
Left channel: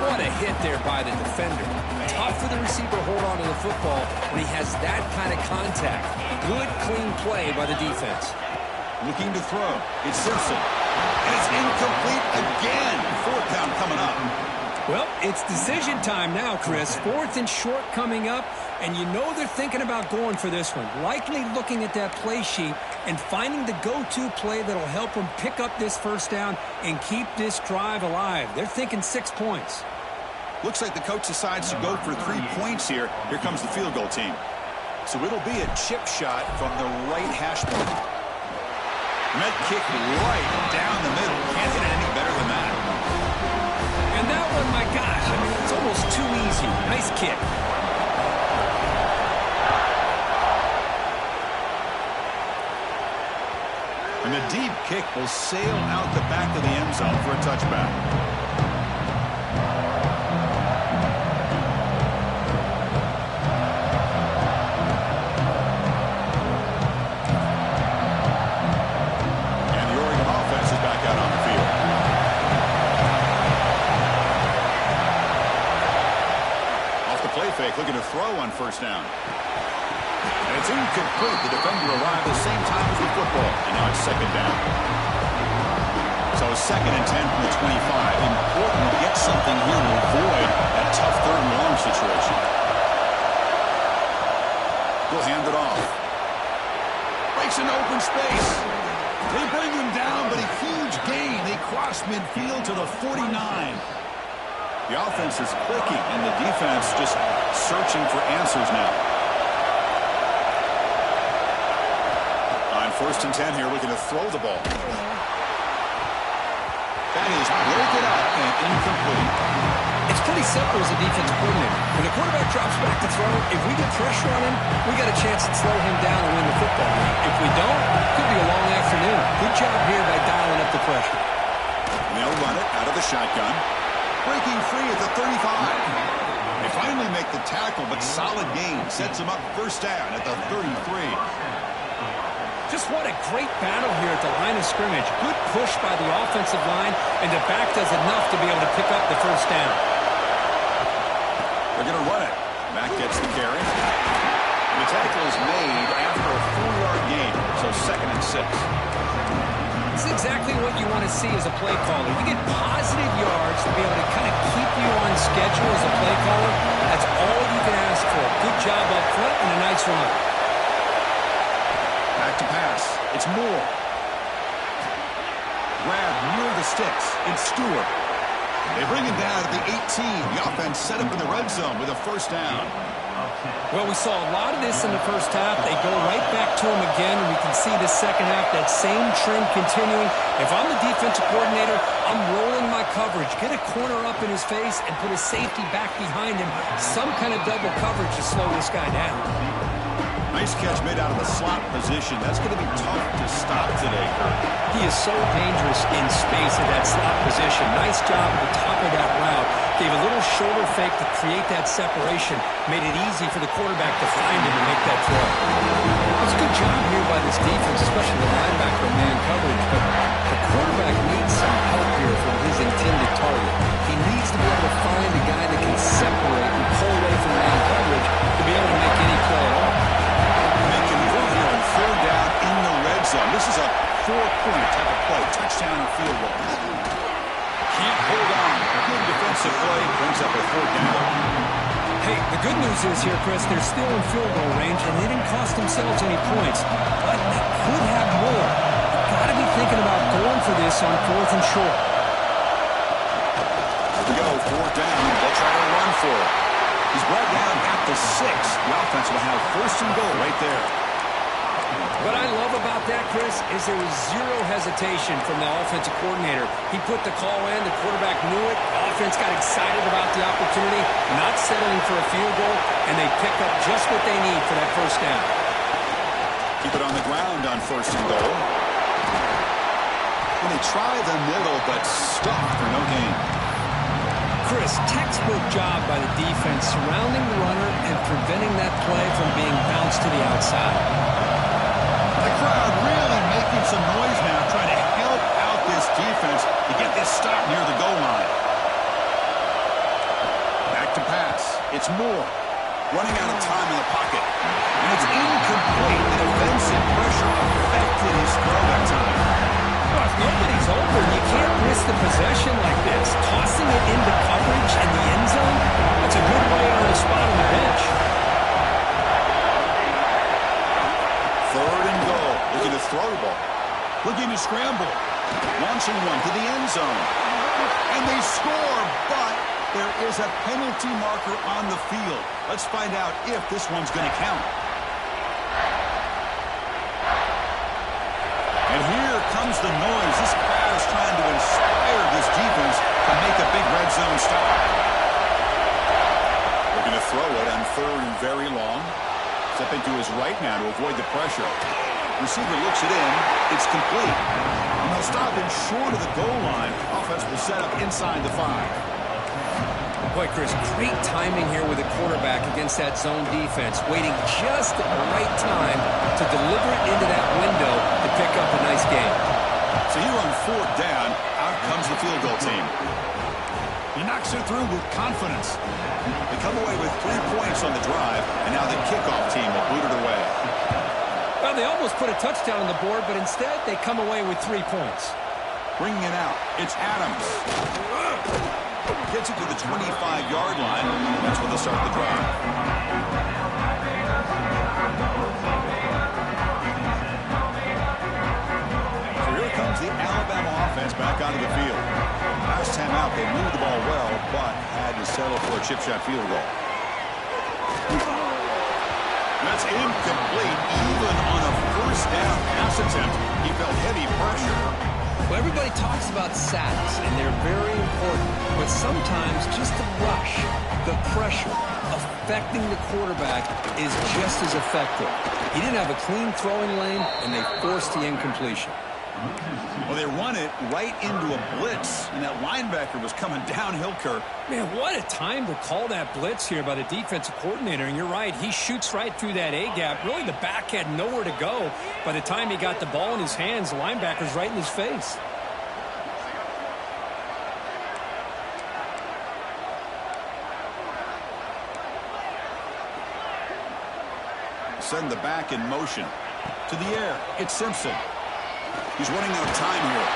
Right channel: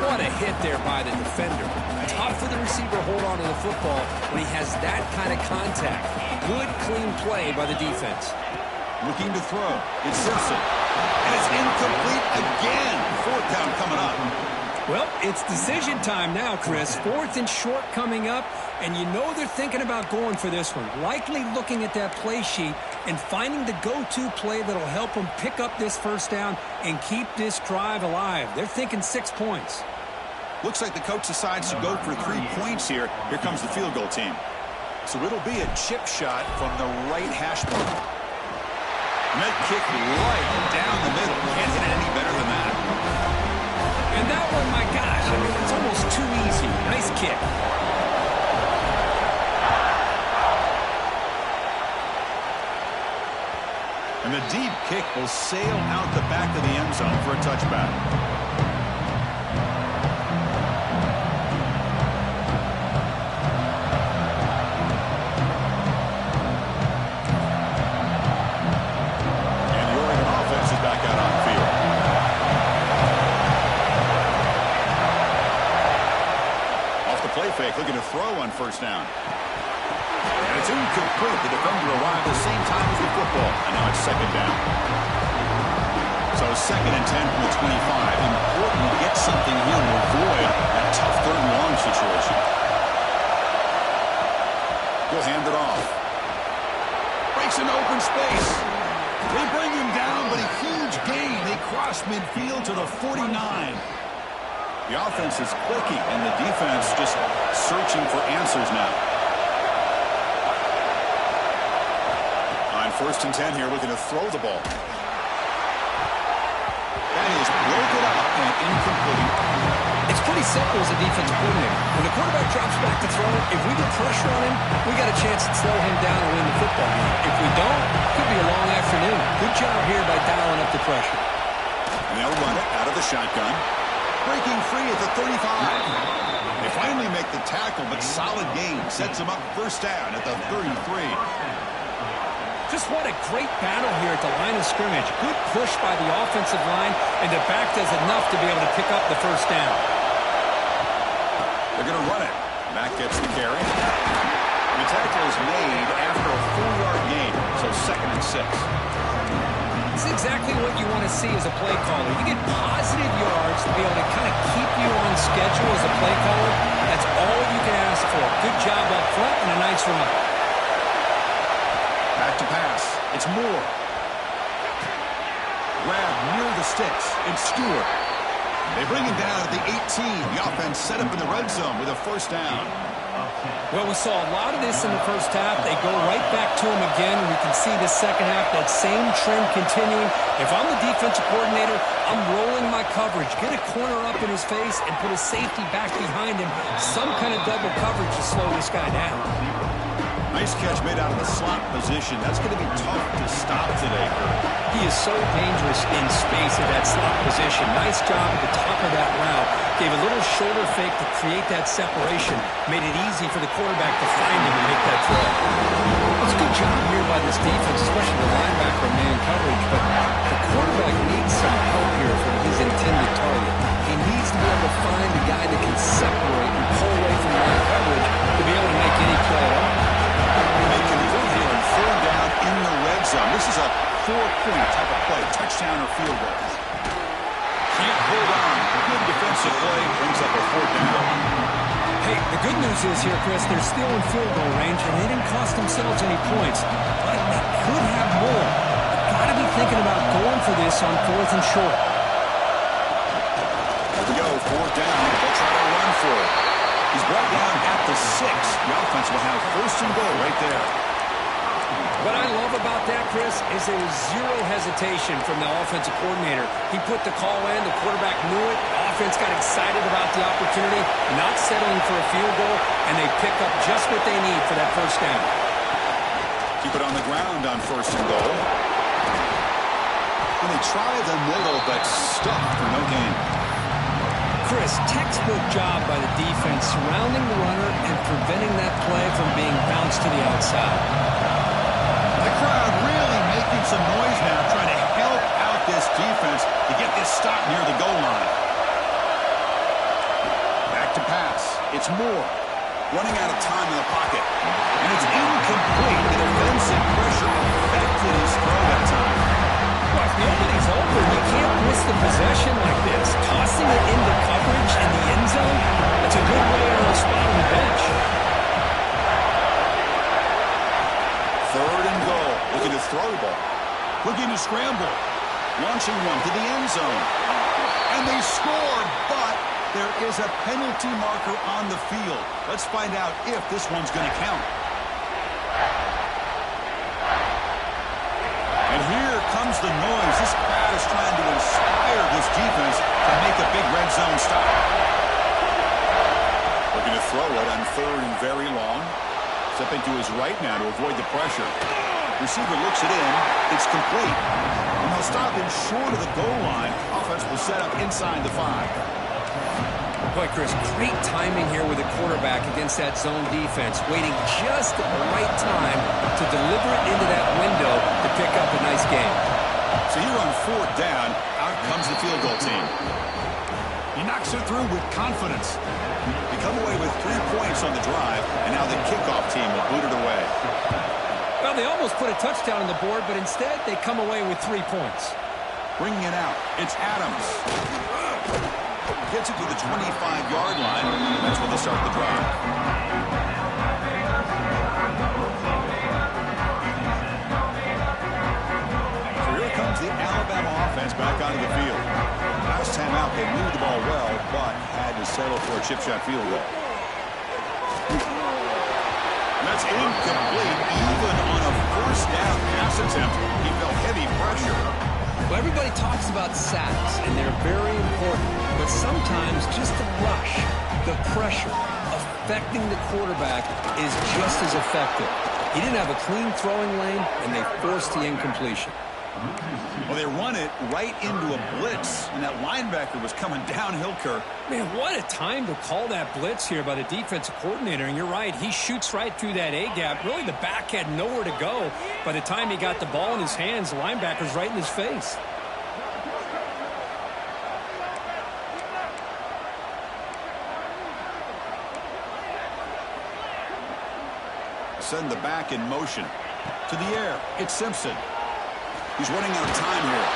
What a hit there by the defender. Tough for the receiver to hold on to the football when he has that kind of contact. Good, clean play by the defense. Looking to throw. It's Simpson. And it's incomplete again. 4th down coming up. Well, it's decision time now, Chris. 4th and short coming up, and you know they're thinking about going for this one. Likely looking at that play sheet and finding the go-to play that'll help them pick up this 1st down and keep this drive alive. They're thinking 6 points. Looks like the coach decides to go for 3 points here. Here comes the field goal team. So it'll be a chip shot from the right hash mark. Net kick right down the middle. Can't hit it any better than that. And that one, my gosh, I mean, it's almost too easy. Nice kick. And the deep kick will sail out the back of the end zone for a touchback. Back out on the field. Off the play fake, looking to throw on 1st down. And it's incomplete. The defender arrived the same time as the football. And now it's 2nd down. So 2nd and 10 from the 25. Important to get something here to avoid that tough 3rd and long situation. He'll hand it off. Breaks into open space. They bring him down, but a huge gain. They cross midfield to the 49. The offense is clicking, and the defense just searching for answers now. On 1st and 10 here, looking to throw the ball. That is broken up and incomplete. It's pretty simple as a defensive coordinator. When the quarterback drops back to throw, if we get pressure on him, we got a chance to slow him down and win the football game. If we don't, it could be a long afternoon. Good job here by dialing up the pressure. And they'll run it out of the shotgun. Breaking free at the 35. They finally make the tackle, but solid gain sets them up 1st down at the 33. Just what a great battle here at the line of scrimmage. Good push by the offensive line, and the back does enough to be able to pick up the 1st down. They're going to run it. Mack gets the carry. The tackle is made after a 4-yard gain, so 2nd and 6. This is exactly what you want to see as a play caller. You get positive yards to be able to kind of keep you on schedule as a play caller. That's all you can ask for. Good job up front and a nice run. Back to pass. It's Moore. Grab near the sticks. It's Stewart. They bring him down at the 18. The offense set up in the red zone with a 1st down. Well, we saw a lot of this in the 1st half. They go right back to him again. We can see the 2nd half, that same trend continuing. If I'm the defensive coordinator, I'm rolling my coverage. Get a corner up in his face and put a safety back behind him. Some kind of double coverage to slow this guy down. Nice catch made out of the slot position. That's going to be tough to stop today, Kurt. He is so dangerous in space at that slot position. Nice job at the top of that route. Gave a little shoulder fake to create that separation. Made it easy for the quarterback to find him and make that throw. It's a good job here by this defense, especially the linebacker man coverage. But the quarterback needs some help here from his intended target. He needs to be able to find a guy that can separate and pull away from man coverage to be able to make any play at all. They convert here on 3rd down in the red zone. This is a 4-point type of play, touchdown or field goal. Can't hold on. Good defensive play brings up a 4th down. Hey, the good news is here, Chris, they're still in field goal range, and they didn't cost themselves any points. But they could have more. You've got to be thinking about going for this on 4th and short. Here we go, 4th down. They'll try to run for it. He's brought down at the 6. The offense will have 1st and goal right there. What I love about that, Chris, is there was zero hesitation from the offensive coordinator. He put the call in, the quarterback knew it, the offense got excited about the opportunity, not settling for a field goal, and they pick up just what they need for that 1st down. Keep it on the ground on 1st and goal. And they try the middle, but stuffed for no gain. Chris, textbook job by the defense surrounding the runner and preventing that play from being bounced to the outside. The crowd really making some noise now, trying to help out this defense to get this stop near the goal line. Back to pass. It's Moore. Running out of time in the pocket. And it's incomplete. The defensive pressure affected his throw that time. Well, if nobody's open, you can't risk the possession like this. Tossing it into coverage in the end zone, that's a good way to earn a spot on the bench. 3rd and goal. Looking to throw the ball. Looking to scramble. Launching one to the end zone. And they score, but there is a penalty marker on the field. Let's find out if this one's going to count. And here comes the noise. This crowd is trying to inspire this defense to make a big red zone stop. Looking to throw it on 3rd and very long. Stepping to his right now to avoid the pressure. Receiver looks it in. It's complete. And they'll stop him short of the goal line. Offense will set up inside the 5. Boy, Chris, great timing here with the quarterback against that zone defense, waiting just at the right time to deliver it into that window to pick up a nice game. So here on 4th down, out comes the field goal team. He knocks it through with confidence. They come away with 3 points on the drive, and now the kickoff team will boot it away. Well, they almost put a touchdown on the board, but instead they come away with 3 points. Bringing it out, it's Adams. Gets it to the 25-yard line, and that's where they'll start the drive. So here comes the Alabama offense back onto the field. Last time out, they moved the ball well, but had to settle for a chip shot field goal. And that's incomplete. Even on a 1st down pass attempt, he felt heavy pressure. Well, everybody talks about sacks, and they're very important. But sometimes just the rush, the pressure, affecting the quarterback is just as effective. He didn't have a clean throwing lane, and they forced the incompletion. Well, they run it right into a blitz, and that linebacker was coming downhill, Kirk. Man, what a time to call that blitz here by the defensive coordinator. And you're right, he shoots right through that A-gap. Really, the back had nowhere to go. By the time he got the ball in his hands, the linebacker's right in his face. Send the back in motion. To the air, it's Simpson. He's running out of time here.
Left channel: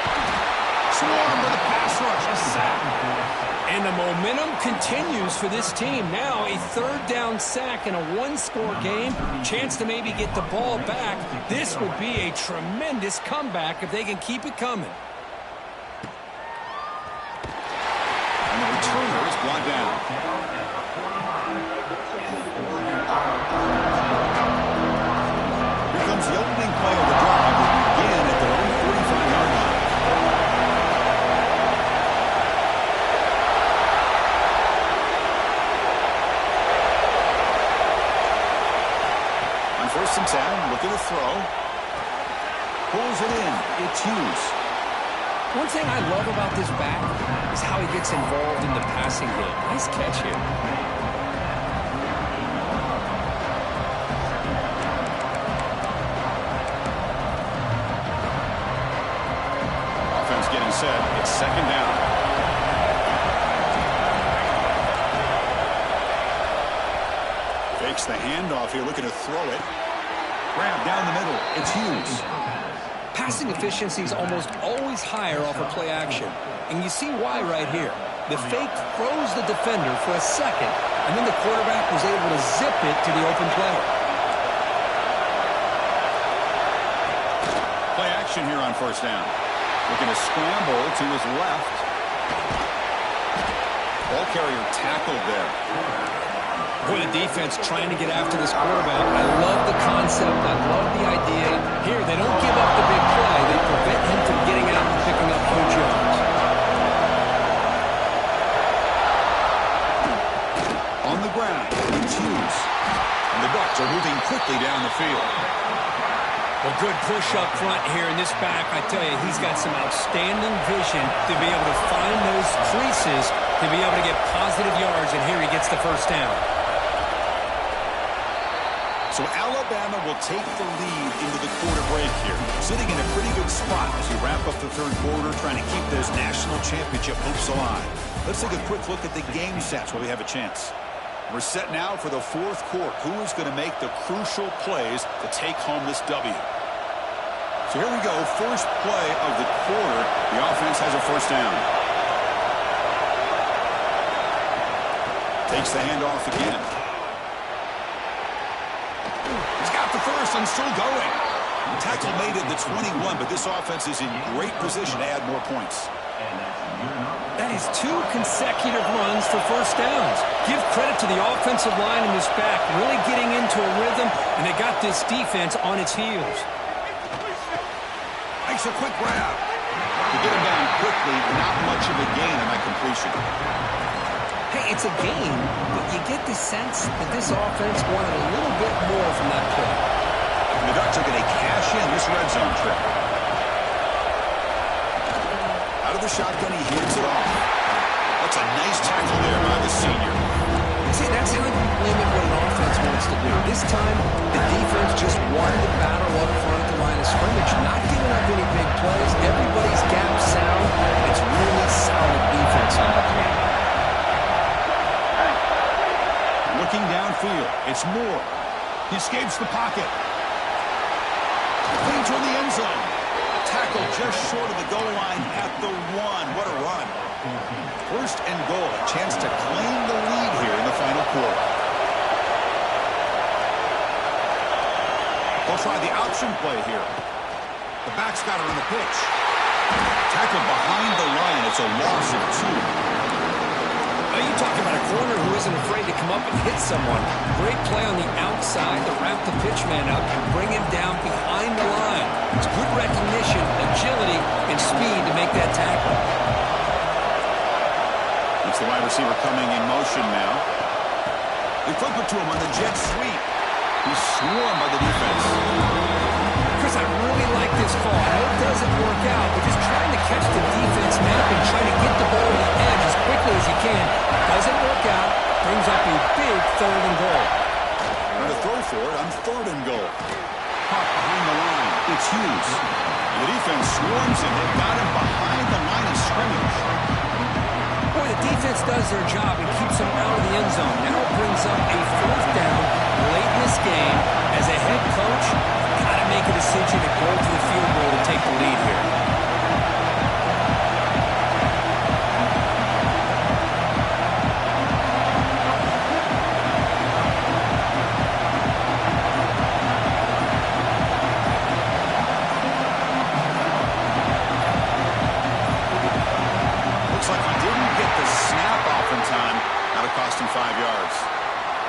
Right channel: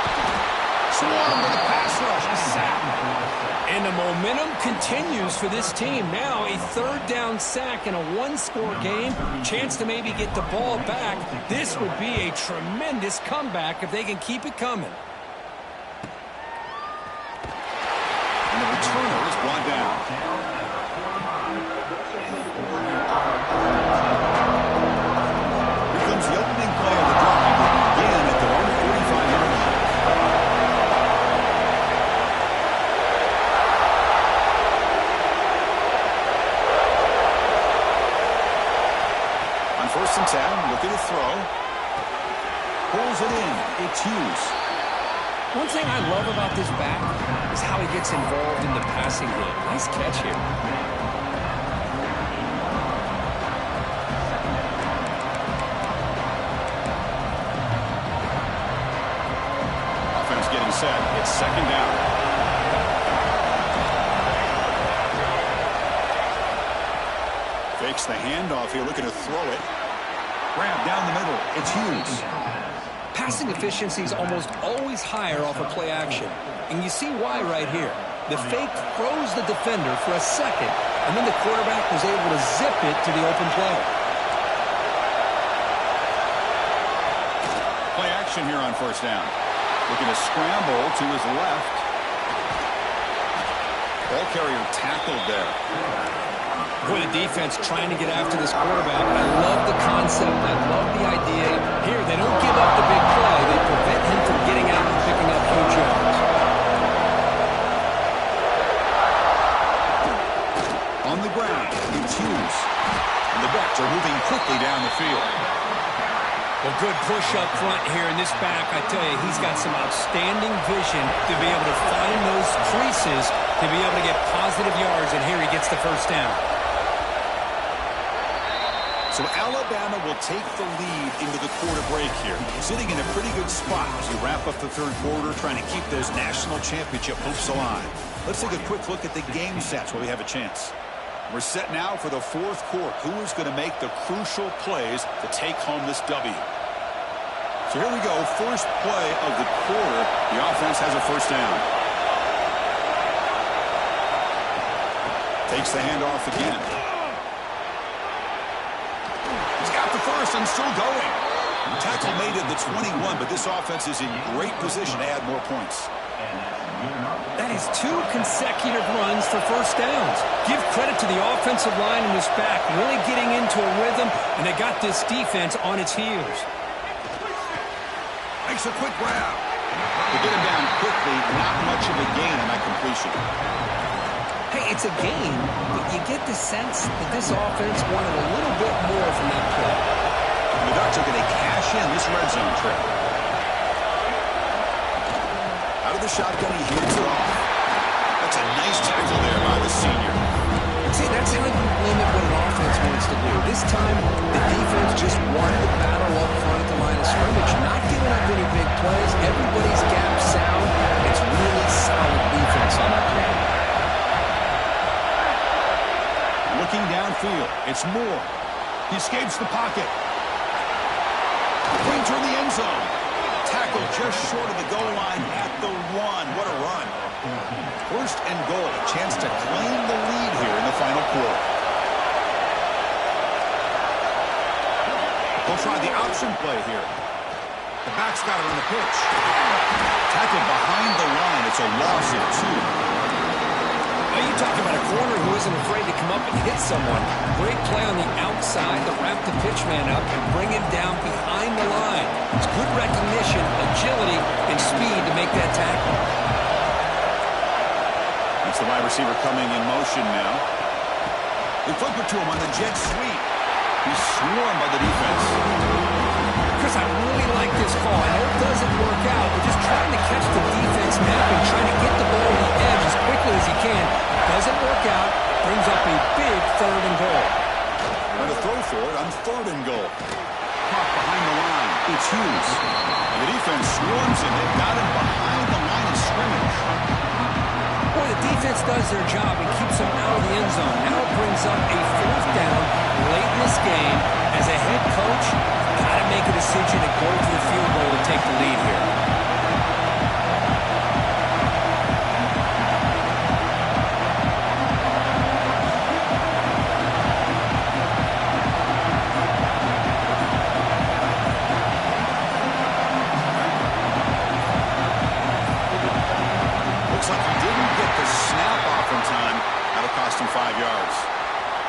Swarm with a pass rush. A sack. And the momentum continues for this team. Now a 3rd down sack in a 1-score game. Chance to maybe get the ball back. This would be a tremendous comeback if they can keep it coming. And the returner is brought down. Here comes the opening play of the drive. They begin at their own 45-yard line. On 1st and 10, looking to throw. Pulls it in. It's Hughes. One thing I love about this back is how he gets involved in the passing game. Nice catch here. Offense getting set. It's 2nd down. Fakes the handoff here, looking to throw it. Grab down the middle. It's Hughes. Passing efficiency is almost always higher off of play action. And you see why right here. The fake froze the defender for a second, and then the quarterback was able to zip it to the open player. Play action here on first down. Looking to scramble to his left. Ball carrier tackled there. Boy, the defense trying to get after this quarterback. I love the concept. I love the idea. Here, they don't give up the big play. They prevent him from getting out and picking up huge yards. On the ground, it's Hughes. And the Ducks are moving quickly down the field. Well, good push up front here in this back. I tell you, he's got some outstanding vision to be able to find those creases, to be able to get positive yards, and here he gets the first down. So Alabama will take the lead into the quarter break here, sitting in a pretty good spot as you wrap up the third quarter, trying to keep those national championship hopes alive. Let's take a quick look at the game sets while we have a chance. We're set now for the fourth quarter. Who is going to make the crucial plays to take home this W? So here we go, first play of the quarter. The offense has a first down. Takes the handoff again. He's got the first and still going. Tackle made at the 21, but this offense is in great position to add more points. That is 2 consecutive runs for first downs. Give credit to the offensive line in this back, really getting into a rhythm, and they got this defense on its heels. Makes a quick grab. To get him down quickly, not much of a gain on that completion. Hey, it's a game, but you get the sense that this offense wanted a little bit more from that play. And the Ducks are going to cash in this red zone trip. Out of the shotgun, he hands it off. That's a nice tackle there by the senior. See, that's how you limit what an offense wants to do. This time, the defense just wanted to battle up front at the line of scrimmage, not giving up any big plays. Everybody's gap sound. It's really solid defense on that play. Looking downfield, it's Moore. He escapes the pocket. Playing toward the end zone. Tackle just short of the goal line at the 1. What a run. First and goal, a chance to claim the lead here in the final quarter. They'll try the option play here. The back's got it on the pitch. Tackled behind the line. It's a loss of 2. Now you talk about a corner who isn't afraid to come up and hit someone. Great play on the outside to wrap the pitch man up and bring him down behind the line. It's good recognition, agility, and speed to make that tackle. It's the wide receiver coming in motion now. They flip it to him on the jet sweep. He's swarmed by the defense. Chris, I really like this call. I know it doesn't work out, but just trying to catch the defense napping, trying to get the ball to the edge as quickly as he can. Doesn't work out. Brings up a big 3rd and goal. Trying to throw for it on 3rd and goal. Caught behind the line. It's Hughes. And the defense swarms him. They've got him behind the line of scrimmage. Boy, the defense does their job and keeps them out of the end zone. Now it brings up a 4th down late in this game. As a head coach, got to make a decision and go for the field goal to take the lead here. Looks like he didn't get the snap off in time. That'll cost him 5 yards.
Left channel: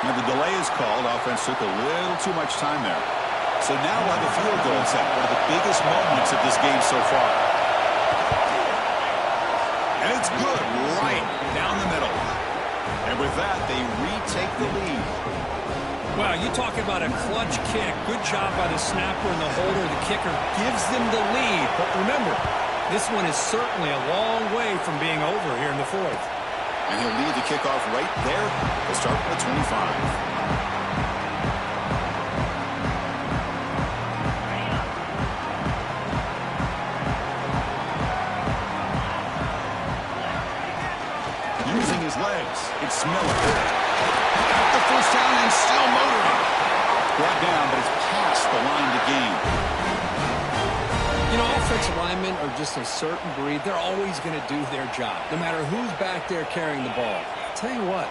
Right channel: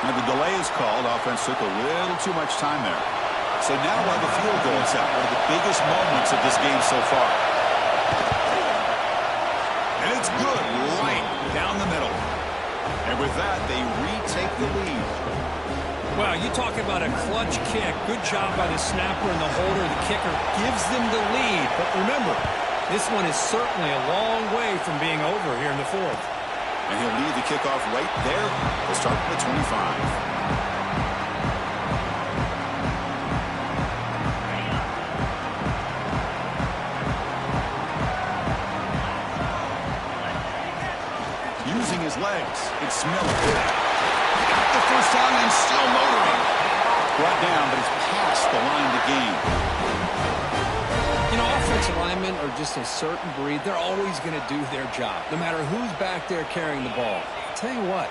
Now the delay is called. Offense took a little too much time there. So now we'll have a field goal attempt. One of the biggest moments of this game so far. And it's good right down the middle. And with that, they retake the lead. Wow, you talk about a clutch kick. Good job by the snapper and the holder. The kicker gives them the lead. But remember, this one is certainly a long way from being over here in the 4th. And he'll lead the kickoff right there. We'll start from the 25. Using his legs, it's Miller. Got the first down and still motoring. Brought down, but it's past the line to gain. You know, offensive linemen are just a certain breed. They're always going to do their job, no matter who's back there carrying the ball. I'll tell you what,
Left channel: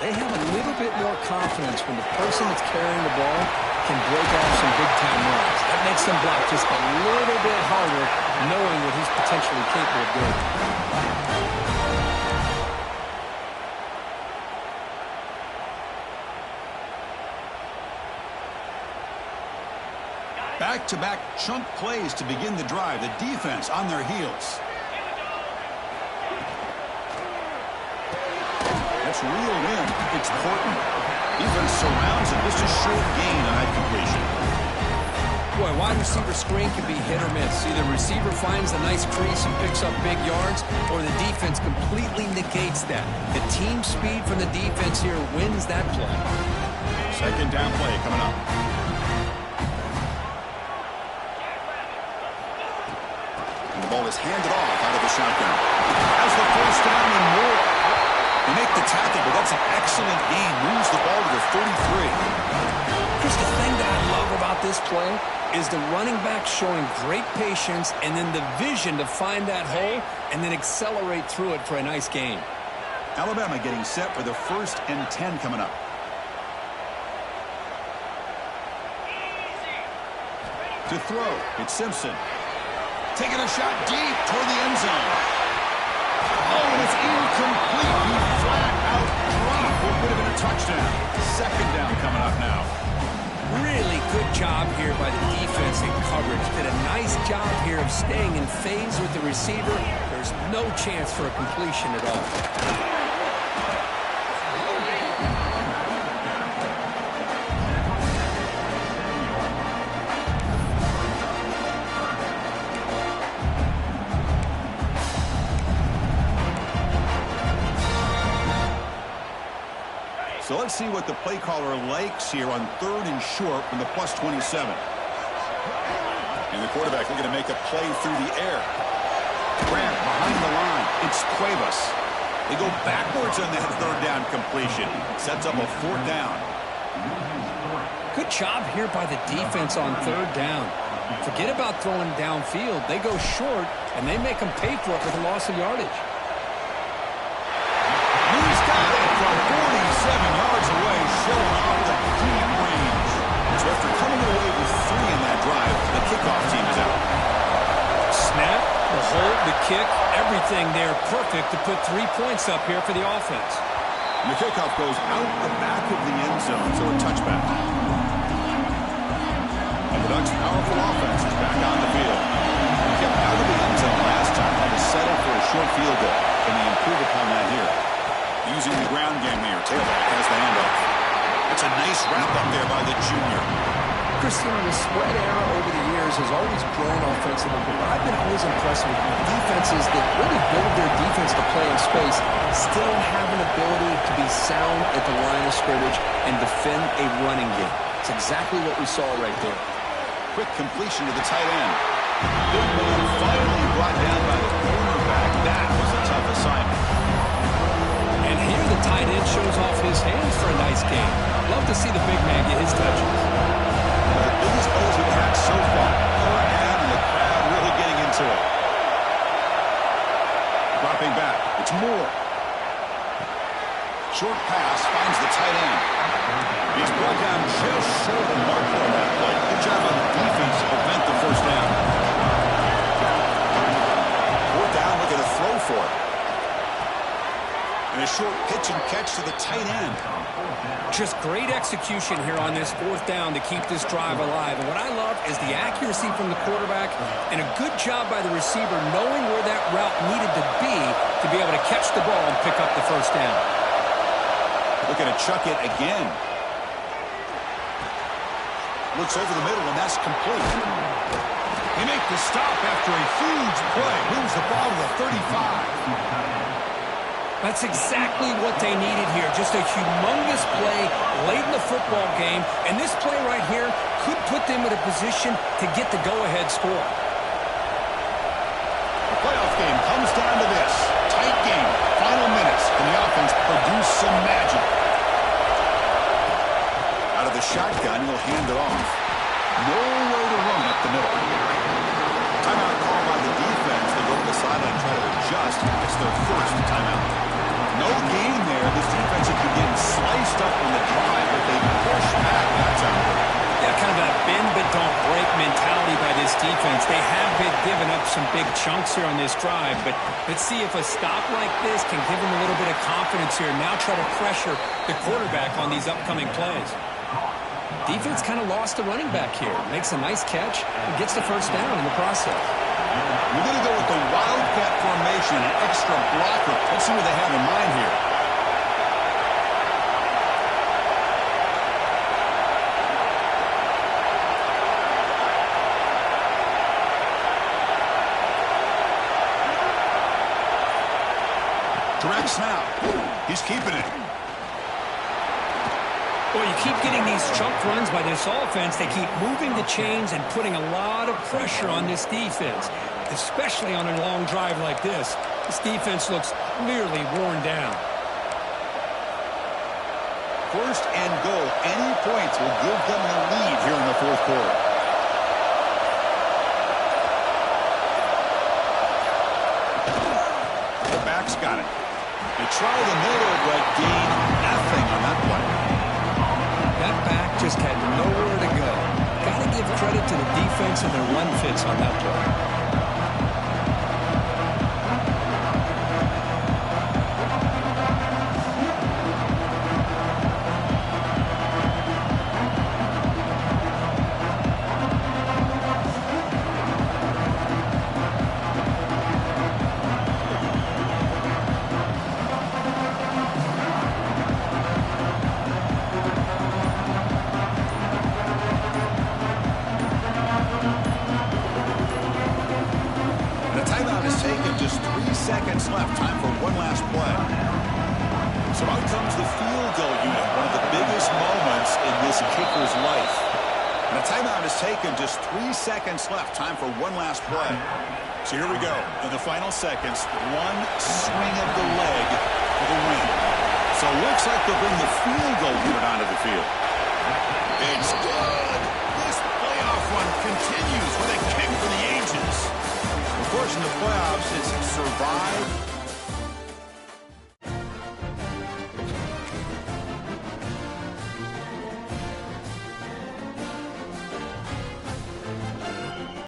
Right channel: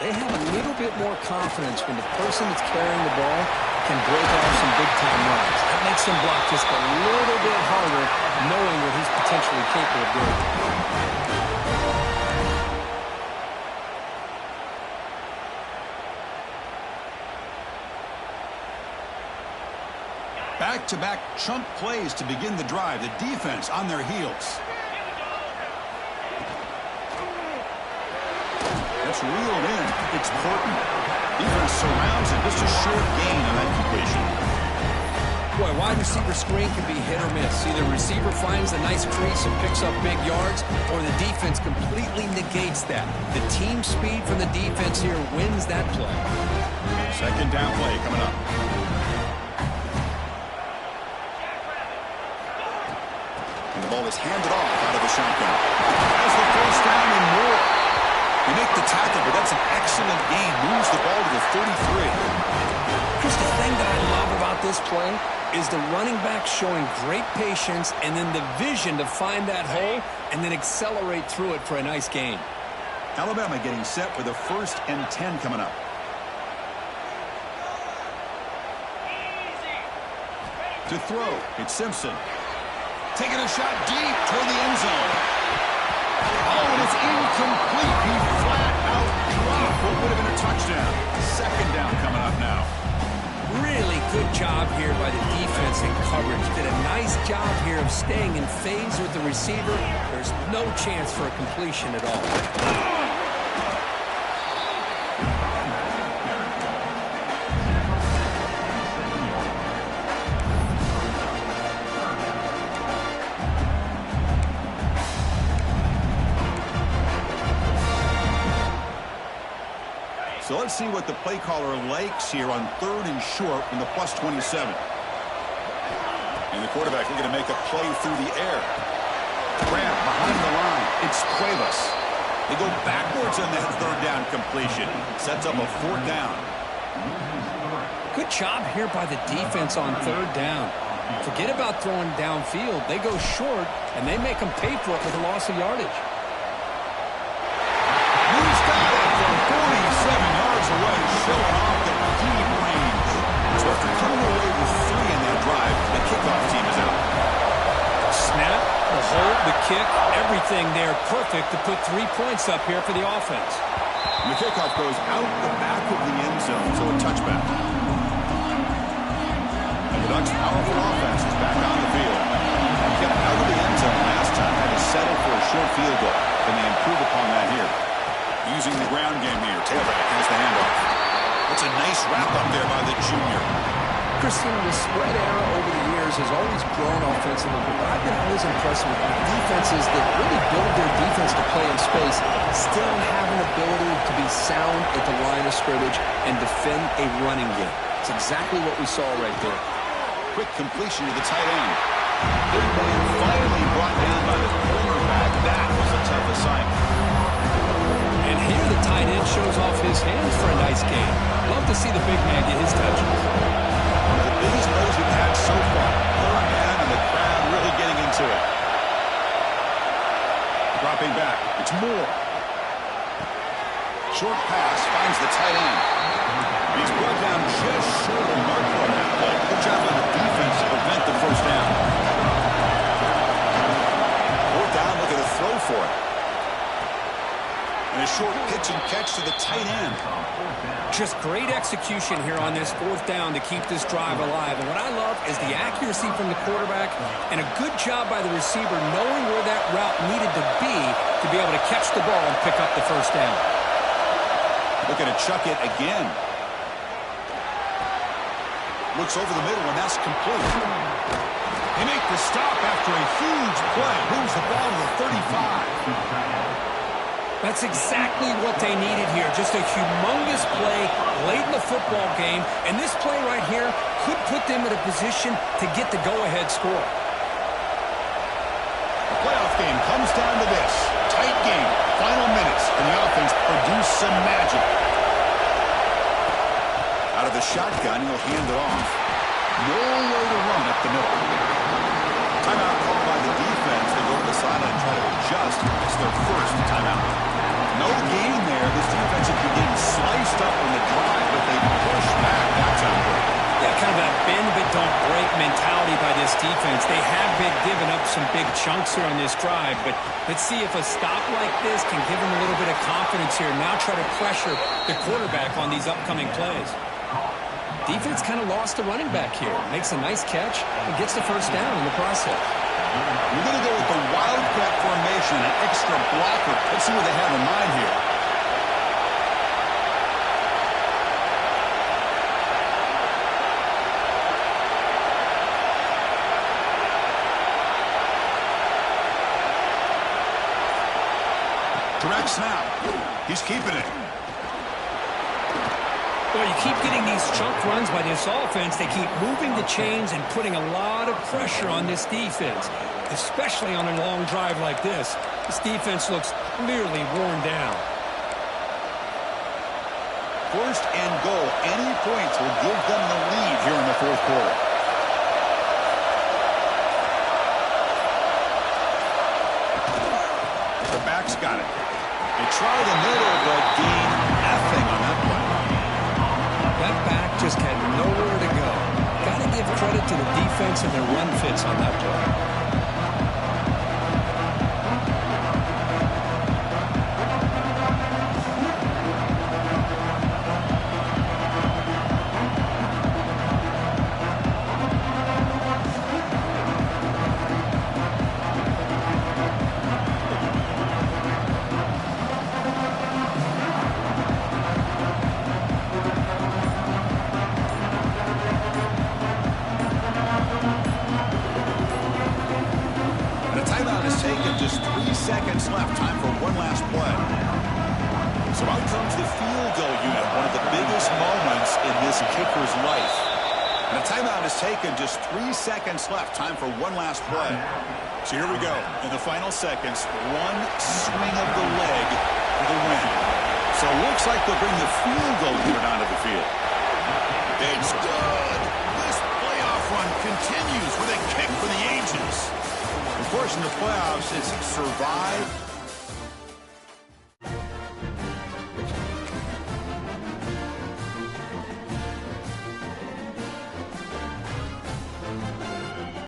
They have a little bit more confidence when the person that's carrying the ball can break off some big-time runs. That makes them block just a little bit harder, knowing what he's potentially capable of doing. Back-to-back chunk plays to begin the drive. The defense on their heels. That's reeled in. It's Porton. Defense surrounds him. Just a short gain on that completion. Boy, wide receiver screen can be hit or miss. Either the receiver finds a nice crease and picks up big yards, or the defense completely negates that. The team speed from the defense here wins that play. Second down play coming up. And the ball is handed off out of the shotgun. Has the first down and more. They make the tackle, but that's an excellent gain. Moves the ball to the 33. Chris, the thing that I love about this play is the running back showing great patience and then the vision to find that hole and then accelerate through it for a nice gain. Alabama getting set with a 1st and 10 coming up. To throw, it's Simpson. Taking a shot deep toward the end zone. Oh, and it's incomplete. He flat out dropped what would have been a touchdown. Second down coming up now. Really good job here by the defense in coverage. Did a nice job here of staying in phase with the receiver. There's no chance for a completion at all. So let's see what the play caller likes here on 3rd and short from the +27. And the quarterback looking to make a play through the air. Grab behind the line. It's Cuevas. They go backwards on that 3rd down completion. Sets up a 4th down. Good job here by the defense on 3rd down. Forget about throwing downfield. They go short, and they make them pay for it with a loss of yardage. He's got it from 47 yards away, showing off the deep range. So after coming away with 3 in that drive, the kickoff team is out. Snap, the hold, the kick, everything there perfect to put 3 points up here for the offense. And the kickoff goes out the back of the end zone, so a touchback. And the Ducks' powerful offense is back on the field. Kept out of the end zone last time, had to settle for a short field goal. Can they improve upon that here? Using the ground game here. Tailback has the handoff. It's a nice wrap-up there by the junior. Christian, the spread era over the years has always grown offensively, but I've been always impressed with defenses that really build their defense to play in space, still have an ability to be sound at the line of scrimmage and defend a running game. It's exactly what we saw right there. Quick completion to the tight end. Big man finally brought down by the cornerback. That was a tough assignment. And here the tight end shows off his hands for a nice gain. Love to see the big man get his touches. One of the biggest plays we've had so far. Third down and the crowd really getting into it. Dropping back. It's Moore. Short pass finds the tight end. He's brought down just short of the mark on that play. Good job on the defense to prevent the 1st down. 4th down, looking to throw for it. And a short pitch and catch to the tight end. Just great execution here on this 4th down to keep this drive alive. And what I love is the accuracy from the quarterback and a good job by the receiver knowing where that route needed to be able to catch the ball and pick up the 1st down. Looking to chuck it again. Looks over the middle, and that's complete. They make the stop after a huge play. Moves the ball to the 35. That's exactly what they needed here. Just a humongous play late in the football game. And this play right here could put them in a position to get the go-ahead score. The playoff game comes down to this. Tight game. Final minutes. Can the offense produce some magic? Out of the shotgun, he'll hand it off. Nowhere to run up the middle. Timeout called by the defense. They go to the sideline and try to adjust. It's their 1st timeout. No gain there. This defense has been getting sliced up on the drive, but they push back that time. Yeah, kind of a bend but don't break mentality by this defense. They have been giving up some big chunks here on this drive, but let's see if a stop like this can give them a little bit of confidence here. Now try to pressure the quarterback on these upcoming plays. Defense kind of lost the running back here. Makes a nice catch and gets the first down in the process. We're going to go with the Wildcat formation, an extra blocker. Let's see what they have in mind here. Direct snap. He's keeping it. Boy, you keep getting these chunk runs by this offense. They keep moving the chains and putting a lot of pressure on this defense, especially on a long drive like this. This defense looks clearly worn down. First and goal. Any points will give them the lead here in the fourth quarter. The back's got it. They try the middle, but gain nothing on that play. That back just had nowhere to go. Got to give credit to the defense and their run fits on that play. Seconds left. Time for one last play. So out comes the field goal unit, one of the biggest moments in this kicker's life. And a timeout is taken. Just 3 seconds left. Time for one last play. So here we go. In the final seconds, one swing of the leg for the win. So it looks like they'll bring the field goal unit onto the field. It's good. This playoff run continues with a kick for the ages. Of course, in the playoffs, it's survive